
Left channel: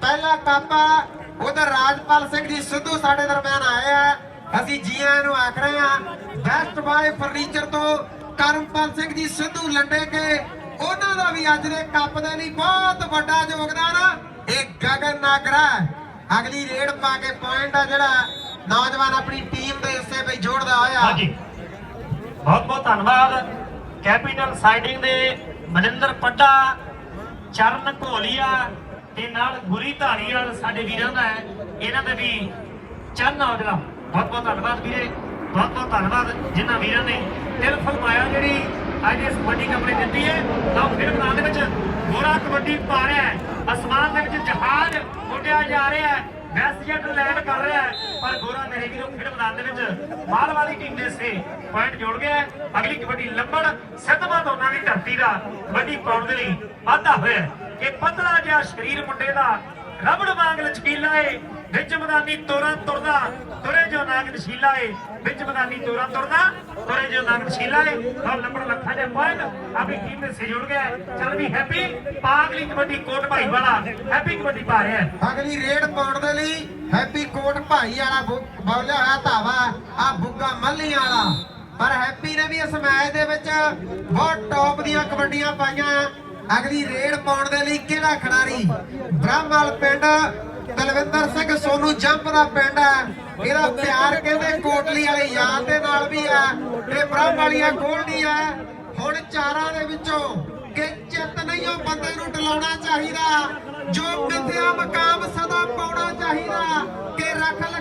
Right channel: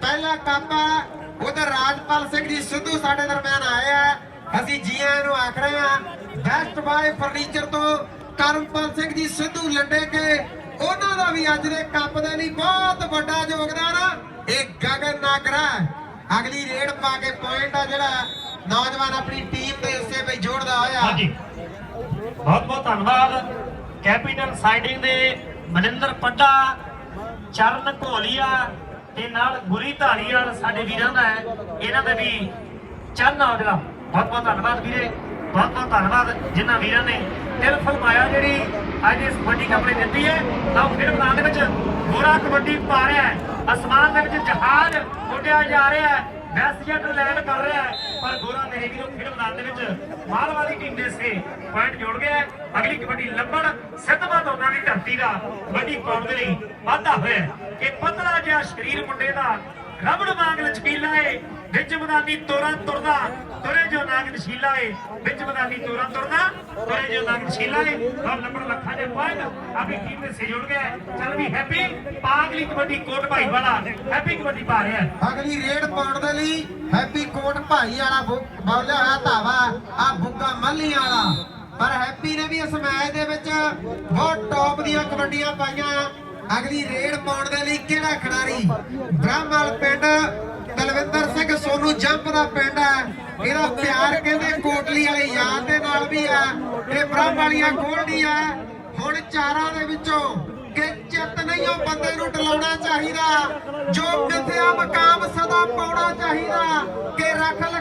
ਪਹਿਲਾ ਕੱਪ ਉਧਰ ਰਾਜਪਾਲ ਸਿੰਘ ਜੀ ਸਿੱਧੂ ਸਾਡੇ ਦਰਮਿਆਨ ਆਏ ਆ। ਅਸੀਂ ਜੀ ਆਇਆਂ ਨੂੰ ਆਖ ਰਹੇ ਆ ਬੈਸਟ ਬਾਏ ਫਰਨੀਚਰ ਤੋਂ ਕਰਮਪਾਲ ਸਿੰਘ ਜੀ ਸਿੱਧੂ ਲੰਡੇ ਕੇ। ਉਹਨਾਂ ਦਾ ਵੀ ਅੱਜ ਦੇ ਕੱਪ ਦੇ ਲਈ ਬਹੁਤ ਵੱਡਾ ਯੋਗਦਾਨ ਆ। ਇਹ ਗਗਨ ਨਾਗਰਾ ਅਗਲੀ ਰੇਡ ਪਾ ਕੇ ਪੁਆਇੰਟ ਆ ਜਿਹੜਾ ਨੌਜਵਾਨ ਆਪਣੀ ਟੀਮ ਦੇ ਹਿੱਸੇ ਵਿੱਚ ਜੋੜਦਾ ਹੋਇਆ। ਹਾਂਜੀ। ਬਹੁਤ ਬਹੁਤ ਧੰਨਵਾਦ। ਕੈਪੀਟਲ ਸਾਈਡਿੰਗ ਦੇ ਮਨਿੰਦਰ ਪੱਡਾ, ਚਰਨ ਘੋਲੀਆ ਤੇ ਨਾਲ ਗੁਰੀ ਧਾਰੀਵਾਲ ਸਾਡੇ ਵੀਰਾਂ ਦਾ ਹੈ। ਇਹਨਾਂ ਦਾ ਵੀ ਚਰਨ ਔਜਲਾ ਬਹੁਤ ਬਹੁਤ ਧੰਨਵਾਦ ਵੀਰੇ। ਬਹੁਤ ਬਹੁਤ ਧੰਨਵਾਦ ਜਿਨ੍ਹਾਂ ਵੀਰਾਂ ਨੇ ਦਿਲ ਫਰਮਾਇਆ ਜਿਹੜੀ ਅੱਜ ਇਸ ਕਬੱਡੀ ਕੱਪੜੇ ਦਿੱਤੀ ਹੈ। ਤਾਂ ਫਿਰ ਮੈਦਾਨ ਦੇ ਵਿੱਚ ਗੋਰਾ ਕਬੱਡੀ ਪਾ ਰਿਹਾ ਹੈ। ਅਸਮਾਨ ਦੇ ਵਿੱਚ ਜਹਾਜ਼ ਉੱਡਿਆ ਜਾ ਰਿਹਾ ਹੈ। ਵੈਸਜੈਟ ਲੈਂਡ ਕਰ ਰਿਹਾ ਹੈ, ਪਰ ਗੋਰਾ ਮੇਰੇ ਵੀਰੋ ਖੇਡ ਮੈਦਾਨ ਦੇ ਵਿੱਚ ਮਾਲਵਾ ਦੀ ਟੀਮ ਦੇ ਸੇ ਪੁਆਇੰਟ ਜੋੜ ਗਿਆ ਹੈ। ਅਗਲੀ ਕਬੱਡੀ ਲੰਬੜ ਸਿੱਧਵਾ ਦੋਨਾਂ ਦੀ ਧਰਤੀ ਦਾ ਕਬੱਡੀ ਪਾਉਣ ਦੇ ਲਈ ਵਾਧਾ ਹੋਇਆ ਹੈ। ਇਹ ਪਤਲਾ ਜਿਹਾ ਸਰੀਰ ਮੁੰਡੇ ਦਾ ਰਬੜ ਵਾਂਗ ਲਚਕੀਲਾ ਏ, ਵਿੱਚ ਮੈਦਾਨੀ ਤੋਰਾਂ ਤੁਰਦਾ, ਤੁਰੇ ਜੋ ਨਾਗ ਨਸ਼ੀਲਾ ਏ, ਵਿੱਚ ਮੈਦਾਨੀ ਤੋਰਾਂ ਤੁਰਦਾ ਤੁਰੇ ਜੋ ਨਾਗ ਨਸ਼ੀਲਾ ਏ ਔਰ ਨੰਬਰ ਲੱਖਾਂ ਦੇ ਪੁਆਇੰਟ, ਆਪਣੀ ਟੀਮ ਦੇ ਸਹਿਯੋਗ ਗਿਆ ਹੈ। ਚੱਲ ਵੀ ਹੈਪੀ ਪਾਗਲੀ ਕਬੱਡੀ ਕੋਟ ਭਾਈ ਵਾਲਾ ਹੈਪੀ ਕਬੱਡੀ ਪਾ ਰਿਹਾ ਹੈ। ਅਗਲੀ ਰੇਡ ਪਾਉਣ ਦੇ ਲਈ ਹੈਪੀ ਕੋਟ ਭਾਈ ਵਾਲਾ ਬੋਲਿਆ ਹੋਇਆ ਧਾਵਾ, ਆ ਬੁੱਗਾ ਮੱਲੀ ਵਾਲਾ। ਪਰ ਹੈਪੀ ਨੇ ਵੀ ਇਸ ਮੈਚ ਦੇ ਵਿੱਚ ਬਹੁਤ ਟੌਪ ਦੀਆਂ ਕਬੱਡੀਆਂ ਪਾਈਆਂ। ਅਗਲੀ ਰੇਡ ਪਾਉਣ ਦੇ ਲਈ ਕਿਹੜਾ ਖਿਡਾਰੀ? ਬ੍ਰਹਮਵਾਲ ਪਿੰਡ ਤਲਵਿੰਦਰ ਸਿੰਘ ਸੋਨੂ ਜੰਪ ਦਾ ਪਿੰਡ ਹੈ। ਇਹਦਾ ਪਿਆਰ ਕਹਿੰਦੇ ਕੋਟਲੀ ਵਾਲੇ ਯਾਰ ਦੇ ਨਾਲ ਵੀ ਹੈ। ਇਹ ਬ੍ਰਹਮ ਵਾਲੀਆਂ ਗੋਲਡੀ ਹੈ ਹੁਣ ਚਾਰਾਂ ਦੇ ਵਿੱਚੋਂ ਕਿ ਚਿੱਤ ਨਹੀਂ ਉਹ ਬੰਦੇ ਨੂੰ ਟਲਾਉਣਾ ਚਾਹੀਦਾ। ਜੋ ਮਿੱਥਿਆ ਮਕਾਮ ਸਦਾ ਪਾਉਣਾ ਚਾਹੀਦਾ। ਕਿ ਰੱਖ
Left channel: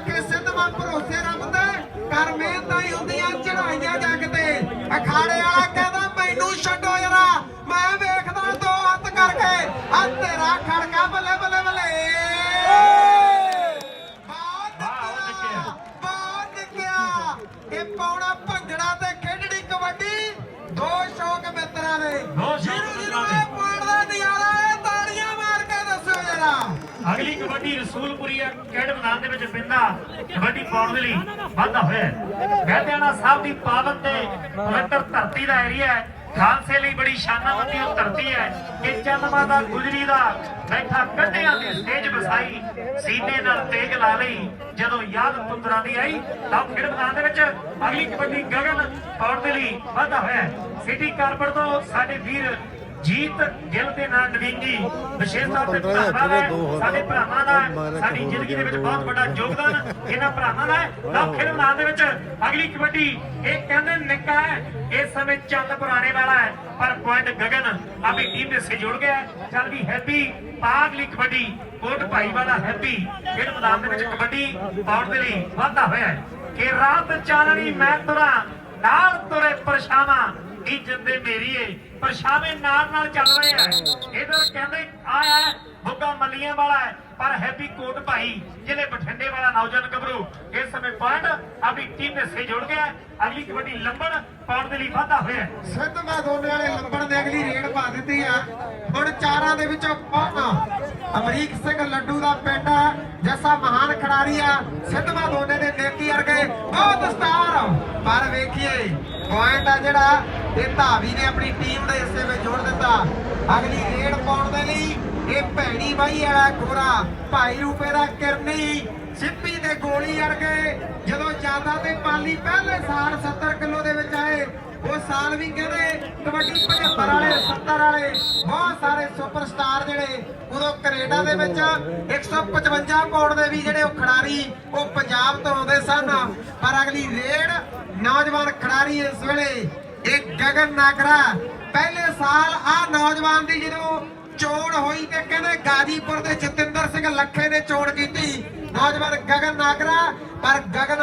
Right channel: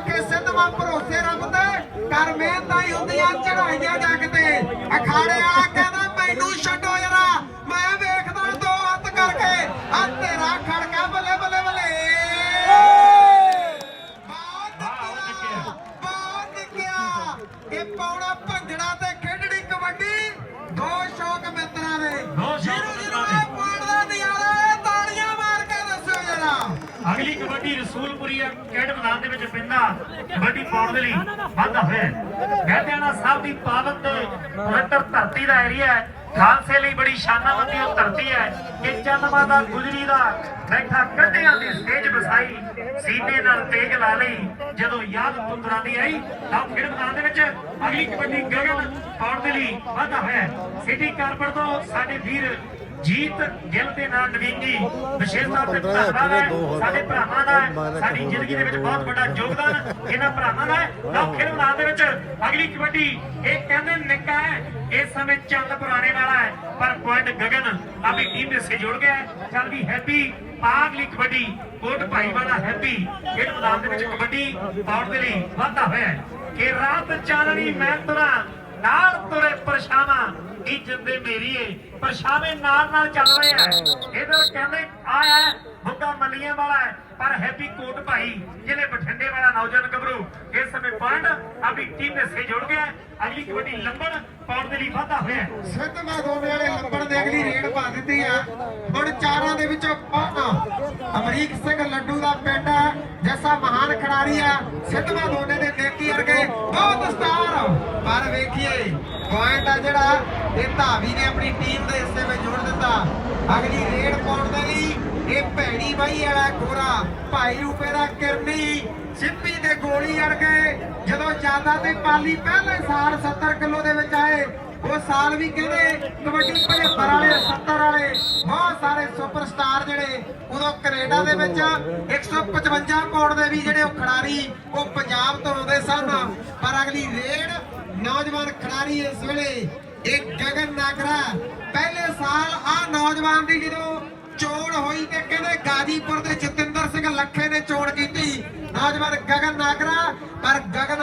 ਅਗਲੀ ਰਸੂਲਪੁਰੀ ਕੈਡ ਮੈਦਾਨ ਦੇ ਵਿੱਚ ਪਿੰਦਾ ਕਬੱਡੀ ਪਾਉਣ ਦੇ ਲਈ ਵਾਧਾ ਹੋਇਆ ਗਹਿਦਿਆਣਾ ਸਾਹਿਬ ਦੀ ਪਾਵਨ ਤੇ ਪਵਿੱਤਰ ਧਰਤੀ ਦਾ ਏਰੀਆ ਹੈ। ਖਾਲਸੇ ਲਈ ਬੜੀ ਸ਼ਾਨਾਵੰਦੀ ਉਹ ਧਰਤੀ ਹੈ ਕਿ ਚੰਨਮਾ ਦਾ, ਗੁਜਰੀ ਦਾ ਬੈਠਾ ਕੱਢਿਆਂ ਦੀ ਸਟੇਜ ਵਸਾਈ ਸੀਨੇ ਨਾਲ ਤੇਗ ਲਾ ਲਈ। ਜਦੋਂ ਯਾਦ ਤੁੰਦਰਾਂ ਦੀ ਆਈ, ਤਾਂ ਖੇਡ ਮੈਦਾਨ ਦੇ ਵਿੱਚ ਅਗਲੀ ਕਬੱਡੀ ਗਗਨ ਪਾਉਣ ਦੇ ਲਈ ਵਾਧਾ ਹੋਇਆ। ਸਿਟੀ ਕਾਰਪੋਰ ਤੋਂ ਸਾਡੇ ਵੀਰ ਜੀਤ ਗਿੱਲ ਦੇ ਨਾਲ ਨਵੀਨੀ ਵਿਸ਼ੇਸ਼ ਤੌਰ ਤੇ 15 ਹਜ਼ਾਰ ਰੁਪਏ ਦੋ ਹੋ ਸਾਡੇ। ਭਰਾਵਾਂ ਦਾ ਸਾਡੀ ਜ਼ਿੰਦਗੀ ਦੇ ਵਿੱਚ ਗਿਆ, ਬਹੁਤ ਵੱਡਾ। ਯੋਗਦਾਨ ਇਹਨਾਂ ਭਰਾਵਾਂ ਦਾ ਹੈ ਫਿਰ ਮੈਦਾਨ ਦੇ ਵਿੱਚ ਅਗਲੀ ਕਬੱਡੀ ਇਹ ਕਹਿੰਦੇ ਨਿੱਕਾ ਹੈ ਇਸ ਸਮੇਂ ਚੰਦ ਪੁਰਾਣੇ ਵਾਲਾ ਹੈ ਪਰ ਪੁਆਇੰਟ ਗਗਨ ਆਪਣੀ ਟੀਮ ਦੇ ਸੇ ਜੁੜ ਗਿਆ ਹੈ। ਚੱਲ ਵੀ ਹੈਪੀ ਪਾਗਲੀ ਕਬੱਡੀ ਕੋਟ ਭਾਈ ਵਾਲਾ ਹੈਪੀ ਫਿਰ ਮੈਦਾਨ ਦੇ ਵਿੱਚ ਕਬੱਡੀ ਪਾਉਣ ਦੇ ਲਈ ਵਾਧਾ ਹੋਇਆ ਹੈ ਕਿ ਰਾਤ ਚਾਨਣੀ ਮੈਂ ਤੁਰਾਂ ਨਾਲ ਤੁਰੇ ਪਰਛਾਵਾਂ ਇਹ ਜਿੰਦੇ ਮੇਰੀ ਏ? ਪਰਛਾਵੇਂ ਨਾਲ ਨਾਲ ਚੱਲ ਰਹੇ ਆ। ਇਧਰ ਕਹਿੰਦੇ ਆਇਆ ਬੁੱਗਾ ਮੱਲੀਆਂ ਵਾਲਾ ਹੈ, ਪਰ ਹੈਪੀ ਕੋਟ ਭਾਈ, ਜਿਹਨੇ ਬਠਿੰਡੇ ਵਾਲਾ ਨੌਜਵਾਨ ਗੱਭਰੂ। ਇਸ ਸਮੇਂ ਪੁਆਇੰਟ, ਆਪਣੀ ਟੀਮ ਦੇ ਜੁੜ ਗਿਆ। ਅਗਲੀ ਕਬੱਡੀ ਲੰਬਣ ਪਾਉਣ ਦੇ ਲਈ ਵਾਧਾ ਹੋਇਆ। ਹੈ। ਸਿੱਧਵਾ ਵਾਲੇ ਲੰਬੜ ਦੇ ਅਗਲੀ ਰੇਡ ਪਾ ਦਿੱਤੀ ਆ। ਹੁਣ ਚਾਰਾਂ ਦੇ ਵਿੱਚੋਂ ਕੌਣ ਅਮਰੀਕ ਸਿੰਘ ਲੱਡੂ ਦਾ ਪਿੰਡ ਹੈ ਮਹਾਨ ਖਿਡਾਰੀ ਆ, ਸਿੱਧਵਾ ਦੋਨੇ ਦੇ ਨੇਕੀ ਵਰਗੇ ਬਹੁਤ ਸਟਾਰ ਪਰ ਵੇਖੀਏ ਪੁਆਇੰਟ ਆ ਜਿਹੜਾ, ਇਹ ਧਾਵੀ ਨੇ ਆਪਣੀ ਟੀਮ ਦੇ ਹਿੱਸੇ ਵਿੱਚ ਜੋੜ ਦਿੱਤਾ। ਅਗਲੀ ਰੇਡ ਪਾਉਣ ਦੇ ਲਈ ਇਹ ਭੈਣੀ ਬਾਈ ਵਾਲਾ ਗੋਰਾ, ਭਾਈ ਰੂਪੇ ਦਾ ਕਿਰਨੀ ਸਿੱਪੀ ਦੇ ਗੋਲੀ ਅੜ ਗਏ ਜਦੋਂ ਜ਼ਿਆਦਾ ਤੇ ਪਾਲੀ ਪਹਿਲੇ ਸਾਲ 70 ਕਿਲੋ ਦੇ ਵਿੱਚ ਆਏ ਸਾਲ ਵੀ ਕਹਿੰਦੇ ਕਬੱਡੀ 75 ਵਾਲੇ 70 ਵਾਲੇ ਬਹੁਤ ਸਾਰੇ ਸੁਪਰਸਟਾਰ ਜਿਹੜੇ ਉਦੋਂ ਕੈਨੇਡਾ ਦੇ ਵਿੱਚ 155 ਪਾਉਂਡ ਦੇ ਵੀ ਜਿਹੜੇ ਉਹ ਖਿਡਾਰੀ ਉਹ ਪੰਜਾਬ ਤੋਂ ਆਉਂਦੇ ਸਨ। ਪਰ ਅਗਲੀ ਰੇਡ ਨੌਜਵਾਨ ਖਿਡਾਰੀ ਇਸ ਵੇਲੇ ਇਹ ਗਗਨ ਨਾਗਰਾ। ਪਹਿਲੇ ਸਾਲ ਆ ਨੌਜਵਾਨ ਦੀ ਜਦੋਂ ਚੋਣ ਹੋਈ ਤੇ ਕਹਿੰਦੇ ਗਾਜੀਪੁਰ ਦੇ ਜਤਿੰਦਰ ਸਿੰਘ ਲੱਖੇ ਨੇ ਚੋਣ ਕੀਤੀ। ਨੌਜਵਾਨ ਗਗਨ ਨਾਗਰਾ ਪਰ ਗਗਨ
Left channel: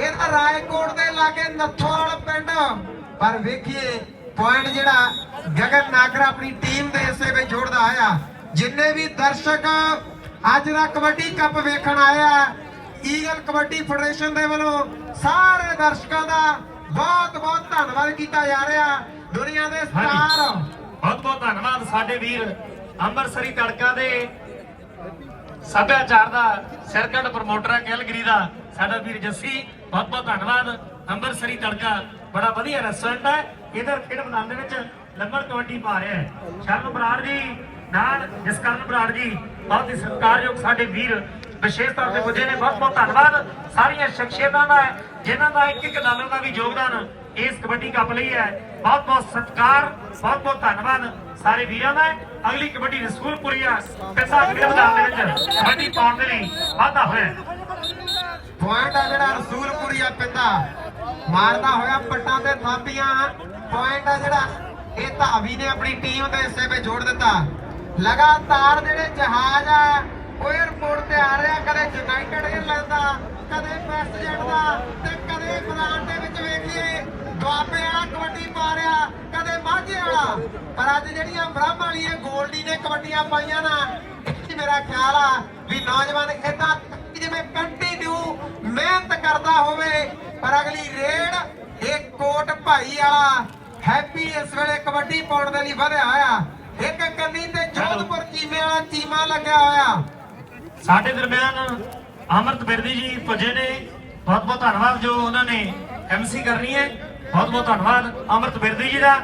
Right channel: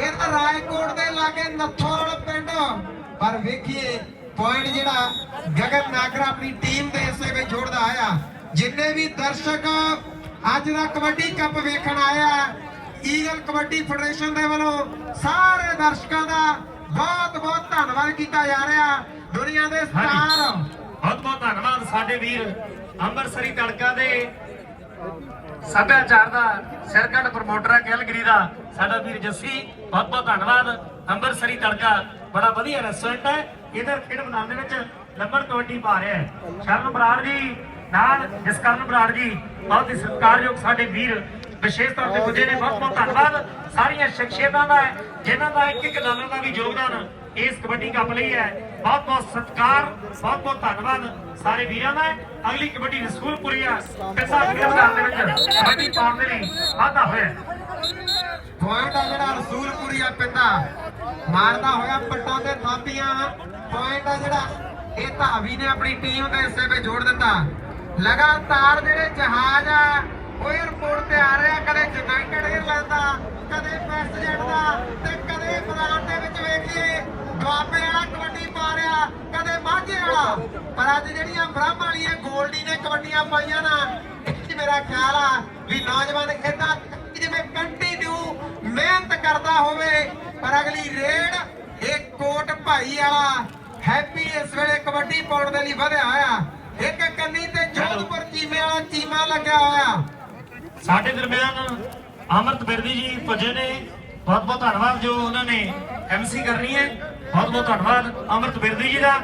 ਇਹ ਤਾਂ ਰਾਏਕੋਟ ਦੇ ਲਾਗੇ ਨੱਥੋਲ ਪਿੰਡ। ਪਰ ਵੇਖੀਏ ਪੁਆਇੰਟ ਜਿਹੜਾ ਗਗਨ ਨਾਗਰਾ ਆਪਣੀ ਟੀਮ ਦੇ ਹਿੱਸੇ ਵਿੱਚ ਜੋੜਦਾ ਆਇਆ। ਜਿੰਨੇ ਵੀ ਦਰਸ਼ਕ ਅੱਜ ਦਾ ਕਬੱਡੀ ਕੱਪ ਵੇਖਣ ਆਇਆ ਈਗਲ ਕਬੱਡੀ ਫੈਡਰੇਸ਼ਨ ਦੇ ਵੱਲੋਂ ਸਾਰੇ ਦਰਸ਼ਕਾਂ ਦਾ ਬਹੁਤ ਬਹੁਤ ਧੰਨਵਾਦ ਕੀਤਾ ਜਾ ਰਿਹਾ। ਦੁਨੀਆ ਦੇ ਸਟਾਰ ਬਹੁਤ ਬਹੁਤ ਧੰਨਵਾਦ ਸਾਡੇ ਵੀਰ ਅੰਮ੍ਰਿਤਸਰੀ ਤੜਕਾ ਦੇ ਸੱਭਿਆਚਾਰ ਦਾ ਸਿਰਕੱਢ ਪ੍ਰਮੋਟਰ ਹੈ ਕੈਲਗਰੀ ਦਾ। ਸਾਡਾ ਵੀਰ ਜੱਸੀ ਬਹੁਤ ਬਹੁਤ ਧੰਨਵਾਦ। ਅੰਮ੍ਰਿਤਸਰੀ ਤੜਕਾ ਬੜਾ ਵਧੀਆ ਰੈਸਟੋਰੈਂਟ ਹੈ। ਇਧਰ ਖੇਡ ਮੈਦਾਨ ਦੇ ਵਿੱਚ ਲੰਬਰ ਕਬੱਡੀ ਪਾ ਰਿਹਾ ਹੈ। ਸ਼ਰਨ ਬਰਾੜ ਜੀ ਨਾਲ ਜਸਕਰਨ ਬਰਾੜ ਜੀ ਬਹੁਤ ਹੀ ਸਤਿਕਾਰਯੋਗ ਸਾਡੇ ਵੀਰ ਵਿਸ਼ੇਸ਼ ਤੌਰ ਤੇ ਪੁੱਜੇ ਨੇ। ਬਹੁਤ ਬਹੁਤ ਧੰਨਵਾਦ। ਸਾਰੀਆਂ ਸ਼ਖਸੀਅਤਾਂ ਦਾ ਹੈ, ਜਿਨ੍ਹਾਂ ਦਾ ਇੱਕ ਇੱਕ ਡਾਲਰ ਦਾ ਵੀ ਯੋਗਦਾਨ ਇਸ ਕਬੱਡੀ ਕੱਪ ਲਈ ਹੈ। ਬਹੁਤ ਬਹੁਤ ਸਤਿਕਾਰ ਬਹੁਤ ਬਹੁਤ ਧੰਨਵਾਦ। ਸਾਰੇ ਵੀਰਾਂ ਦਾ ਅਗਲੀ ਕਬੱਡੀ ਰਸੂਲਪੁਰੀਆ ਕੱਸਾ ਗ੍ਰਿਫਤਾਰ ਦੇ ਵਿੱਚ ਕਬੱਡੀ ਪਾਉਣ ਦੇ ਲਈ ਵਾਧਾ ਹੋਇਆ। ਪੁਆਇੰਟ ਆ ਜਿਹੜਾ ਰਸੂਲਪੁਰੀਆ ਪਿੰਦਾ ਮਾਰਦਾ ਹੋਇਆ ਪੱਟਾਂ ਤੇ ਥਾਪੀਆਂ। ਪੁਆਇੰਟ ਆ ਜਿਹੜਾ ਇਹ ਧਾਵੀ ਨੇ ਆਪਣੀ ਟੀਮ ਦੇ ਹਿੱਸੇ 'ਤੇ ਜੋੜ ਦਿੱਤਾ। ਲਗਾਤਾਰ ਜਿਹੜੇ ਜਹਾਜ਼ ਆ, ਉਹ 에어ਪੋਰਟ ਤੇ ਆ ਰਿਹਾ ਕਦੇ ਯੂਨਾਈਟਿਡ 에ਅਰਲਾਈਨ ਦਾ, ਕਦੇ ਵੈਸਟਜੈਟ ਦਾ ਤੇ ਕਦੇ ਫਲਾਨ ਦੇ ਵਿੱਚ ਵੇਖ ਦੁਆਬੇ ਆ ਕਦੇ ਵਾਲਾ। ਪਰ ਅੱਜ ਜਿਹੜੀਆਂ ਬ੍ਰਹਮ ਵਾਲੀਆਂ ਗੋਲਡੀ ਨੇ ਕਬੱਡੀਆਂ ਪਾਈਆਂ ਨਾ ਇਹ ਮੇਰਾ ਖਿਆਲ ਆ ਵੀ ਨੌਜਵਾਨ ਇਦਾਂ ਜਿਵੇਂ ਕੰਟੀਨਿਊ ਮਿਹਨਤ ਕਰਦਾ ਹੋਵੇ, ਪਰ ਅਗਲੀ ਰੇਡ ਇਹ ਕੋਟ ਭਾਈ ਵਾਲਾ ਹੈਪੀ ਇਸ ਵੇਲੇ ਕਬੱਡੀ ਪਾਉਣ ਦੇ ਲਈ ਵਧਿਆ ਹੋਇਆ। ਇੱਕ ਕੰਨੀ ਤੇ ਜੋਧਪੁਰ ਚੀਮੇ ਵਾਲਾ ਚੀਮਾ ਲੱਗਿਆ ਹੋਇਆ। ਸਾਡੇ ਦਰਮਿਆਨ ਅਮਰਤ ਬਿਰਦੀ ਜੀ ਪੁੱਜੇ ਨੇ। ਬਹੁਤ ਬਹੁਤ ਧੰਨਵਾਦ ਜੋ ਉਹਨਾਂ ਨੇ ਐਮਸੀ ਕਰਨੀ ਹੈ। ਬਹੁਤ ਬਹੁਤ ਧੰਨਵਾਦ ਅਮਰਤ ਬਿਰਦੀ ਜੀ ਦਾ।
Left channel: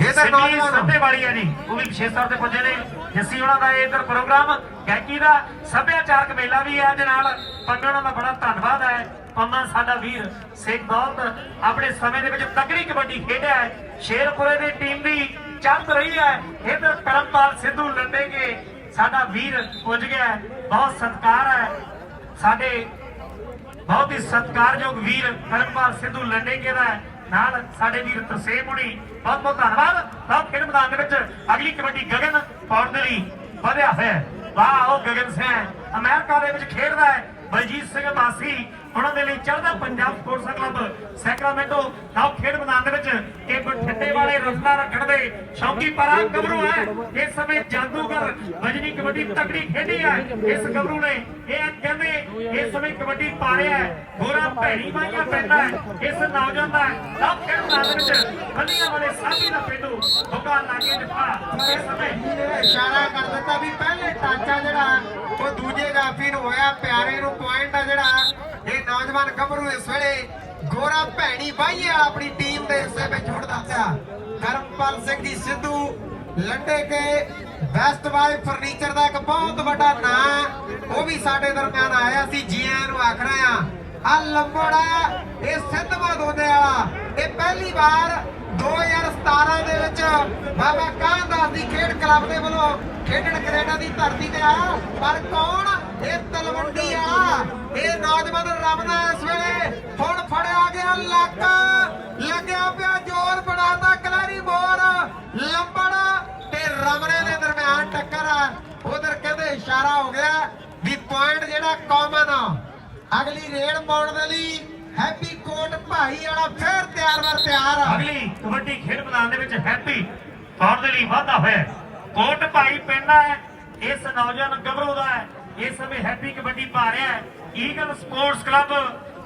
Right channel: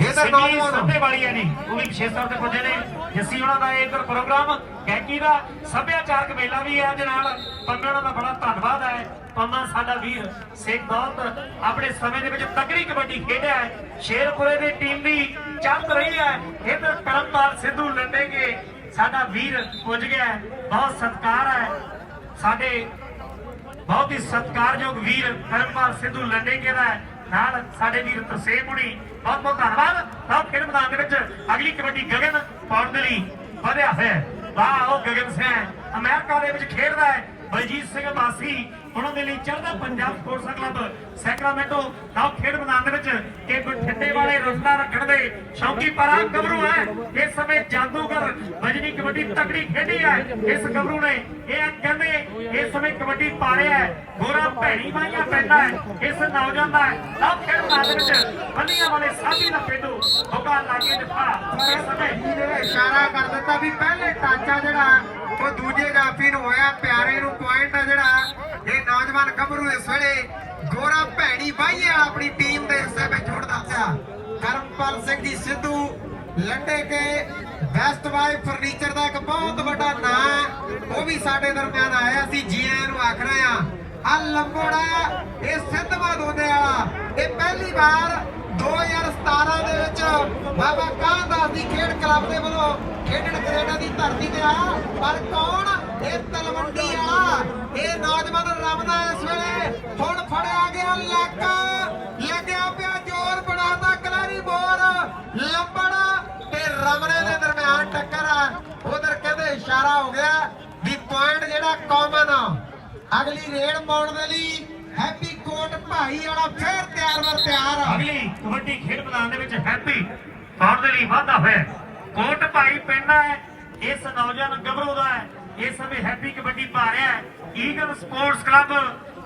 ਇਹ ਤਾਂ ਸਿੱਧੀ ਨੌਜਵਾਨ। ਸੱਭੇ ਵਾਲੀ ਆ ਜੀ ਉਹ ਵੀ ਵਿਸ਼ੇਸ਼ ਤੌਰ ਤੇ ਪੁੱਜੇ ਨੇ। ਜਿਸੀ ਉਹਨਾਂ ਦਾ ਇਹ ਇਧਰ ਪ੍ਰੋਗਰਾਮ ਗਾਇਕੀ ਦਾ ਸੱਭਿਆਚਾਰਕ ਮੇਲਾ ਵੀ ਹੈ ਅੱਜ ਨਾਲ। ਪੰਮੇ ਉਹਨਾਂ ਦਾ ਬੜਾ ਧੰਨਵਾਦ ਹੈ। ਪੰਮਾ ਸਾਡਾ ਵੀਰ ਸੇਖ ਦੌਲਤ ਆਪਣੇ ਸਮੇਂ ਦੇ ਵਿੱਚ ਤਕੜੀ ਕਬੱਡੀ ਖੇਡਿਆ ਹੈ। ਸ਼ੇਰਪੁਰੇ ਦੀ ਟੀਮ ਵੀ ਚੱਲ ਰਹੀ ਹੈ। ਇਧਰ ਕਰਮਪਾਲ ਸਿੱਧੂ ਲੰਡੇ ਕੇ ਸਾਡਾ ਵੀਰ ਪੁੱਜ ਗਿਆ। ਬਹੁਤ ਸਤਿਕਾਰ ਹੈ। ਸਾਡੇ ਬਹੁਤ ਹੀ ਸਤਿਕਾਰਯੋਗ ਵੀਰ ਕਰਮਪਾਲ ਸਿੱਧੂ ਲੰਡੇਕੇ ਦਾ। ਨਾਲ ਸਾਡੇ ਵੀਰ ਤਰਸੇਮ ਹੁਣੀ ਬਹੁਤ ਬਹੁਤ ਧੰਨਵਾਦ ਬਹੁਤ ਖੇਡ ਮੈਦਾਨ ਦੇ ਵਿੱਚ ਅਗਲੀ ਕਬੱਡੀ ਗਗਨ ਪਾਉਣ ਦੇ ਲਈ ਵਧਿਆ ਹੋਇਆ ਹੈ। ਵਾਹ, ਉਹ ਗਗਨ ਸਿੰਘ ਅਮਰੀਕਾ ਦੇ ਵਿੱਚ ਖੇਡਦਾ ਹੈ ਬਲਜੀਤ ਸਿੰਘ ਬਾਸੀ ਉਹਨਾਂ ਦੇ ਲਈ ਚੜ੍ਹਦਾ ਪੰਜਾਬ ਸਪੋਰਟਸ ਕਲੱਬ ਸੈਕਰਾਮੈਂਟੋ ਆਓ ਖੇਡ ਮੈਦਾਨ ਦੇ ਵਿੱਚ ਇਹ ਬਠਿੰਡੇ ਵਾਲੇ ਰਸਨਾ ਰੱਖਣ ਦੇ ਸ਼ੌਕੀ ਪਰਾ ਗੱਭਰੂ ਹੈ। ਇਸ ਸਮੇਂ ਜਾਦੂਗਰ ਵਜਨੀ ਕਬੱਡੀ ਤਕੜੀ ਖੇਡੀ ਹੈ। ਇਸ ਗੱਭਰੂ ਨੇ ਇਹ ਕਹਿੰਦੇ ਇਸ ਸਮੇਂ ਕਬੱਡੀ ਪਾ ਰਿਹਾ ਹੈ। ਗੋਰਾ ਭੈਣੀ ਮਾਈਆ ਪੈਂਦਾ ਹੈ। ਇਸ ਨੌਜਵਾਨ ਦਾ ਆਓ ਖੇਡ ਮੈਦਾਨ ਦੇ ਵਿੱਚ ਬੱਲੀਆਂ ਵਾਲੇ ਸਾਥੀ ਦਾ ਪਿੰਡੂ ਹੋਗਾ ਲਾਗੇ ਦਿੱਤਾ ਇਸ ਸਮੇਂ ਇਸ਼ਾਰਾ ਕਰ ਦਿੱਤਾ ਵੀ ਪਹਿਲੇ ਟਾਂਚਾ ਜਿਹੜਾ ਉਹ ਦੂਜੇ ਜਾਫੀ ਨੂੰ ਹੋਇਆ ਪਿਆਰੇ ਨੂੰ ਪੁਆਇੰਟ ਆ ਜਿਹੜਾ। ਇਹ ਨੌਜਵਾਨ ਗੱਭਰੂ ਇਸ ਵੇਲੇ ਗੋਰਾ ਭੈਣੀ ਬਾਈਏ ਆਪਣੀ ਟੀਮ ਦੇ ਹਿੱਸੇ ਵਿੱਚ ਜੁੜਦਾ ਪਿਆ ਕਰਮਪਾਲ ਸਿੰਘ ਦੀ Sidhu Lande Ke best buy furniture ਦਾ ਇੱਕ ਬਹੁਤ ਵੱਡਾ ਨਾਂ ਉਹ ਵੀ ਸਾਡੇ ਦਰਮਿਆਨ ਆਇਆ ਸੀ ਜੀ ਨੂੰ ਆਖ ਰਹੇ ਆ। ਆ ਲੰਬੋੜਾ ਇਹ ਸਿੱਧਵਾ ਦੋਦੇ ਵਾਲਾ। ਇਹ ਪਹਿਲੀ ਵਾਰ 2017 ਦੇ ਵਿੱਚ ਬਾਬਾ ਕਾਹਦਾਸ ਦੀ ਖੇਡ ਕਲੱਬ ਦੇ ਵੱਲੋਂ ਖੇਡਣ ਕੈਨੇਡਾ ਦੀ ਧਰਤੀ ਤੇ ਆ। ਪਰ ਕੌਣ? ਇਹ ਤਲਵੰਡੀ ਆ। ਇਹ ਨੌਜਵਾਨ ਰਮਦਾ ਇਸ ਵੇਲੇ ਹੁਣ ਫੜਿਆ ਗਿਆ ਲੱਕ। ਲੱਗਿਆ ਪਿਆ ਜ਼ੋਰ ਬਣਾਤਾ ਕਲਾਰੀ ਬੋਰ। ਲੰਬੜਾ ਤੇ ਰਮਨੇ ਦੇ ਦਰਮਿਆਨ ਟੱਕਰ। ਆ ਉਧਰ ਕਹਿੰਦੇ ਇਸ਼ਾਰਾ ਹੋ ਗਿਆ ਵੀ ਪੁਆਇੰਟ ਜਿਹੜਾ ਕਾਮਨ ਆ। ਅਗਲੀ ਰੇਡ ਪਾਉਣ ਦੇ ਲਈ ਹੈਪੀ ਕੋਟ ਭਾਈ ਵਾਲਾ ਫੇਰ ਤਿਆਰ ਵਰ ਤਿਆਰ ਅਗਲੀ ਕਬੱਡੀ ਖੇਡ ਮੈਦਾਨ ਦੇ ਵਿੱਚ ਹੈਪੀ ਤੌਰ ਦੇ ਲਈ ਵਾਧਾ ਹੋਇਆ। ਕੋਟ ਭਾਈ ਪਿੰਡ ਹੈ, ਇਸ ਨੌਜਵਾਨ ਗੱਭਰੂ ਦਾ ਹੈ, ਇਸ ਸਮੇਂ ਹੈਪੀ ਕਬੱਡੀ ਪਾ ਰਿਹਾ ਹੈ। Eagle sports club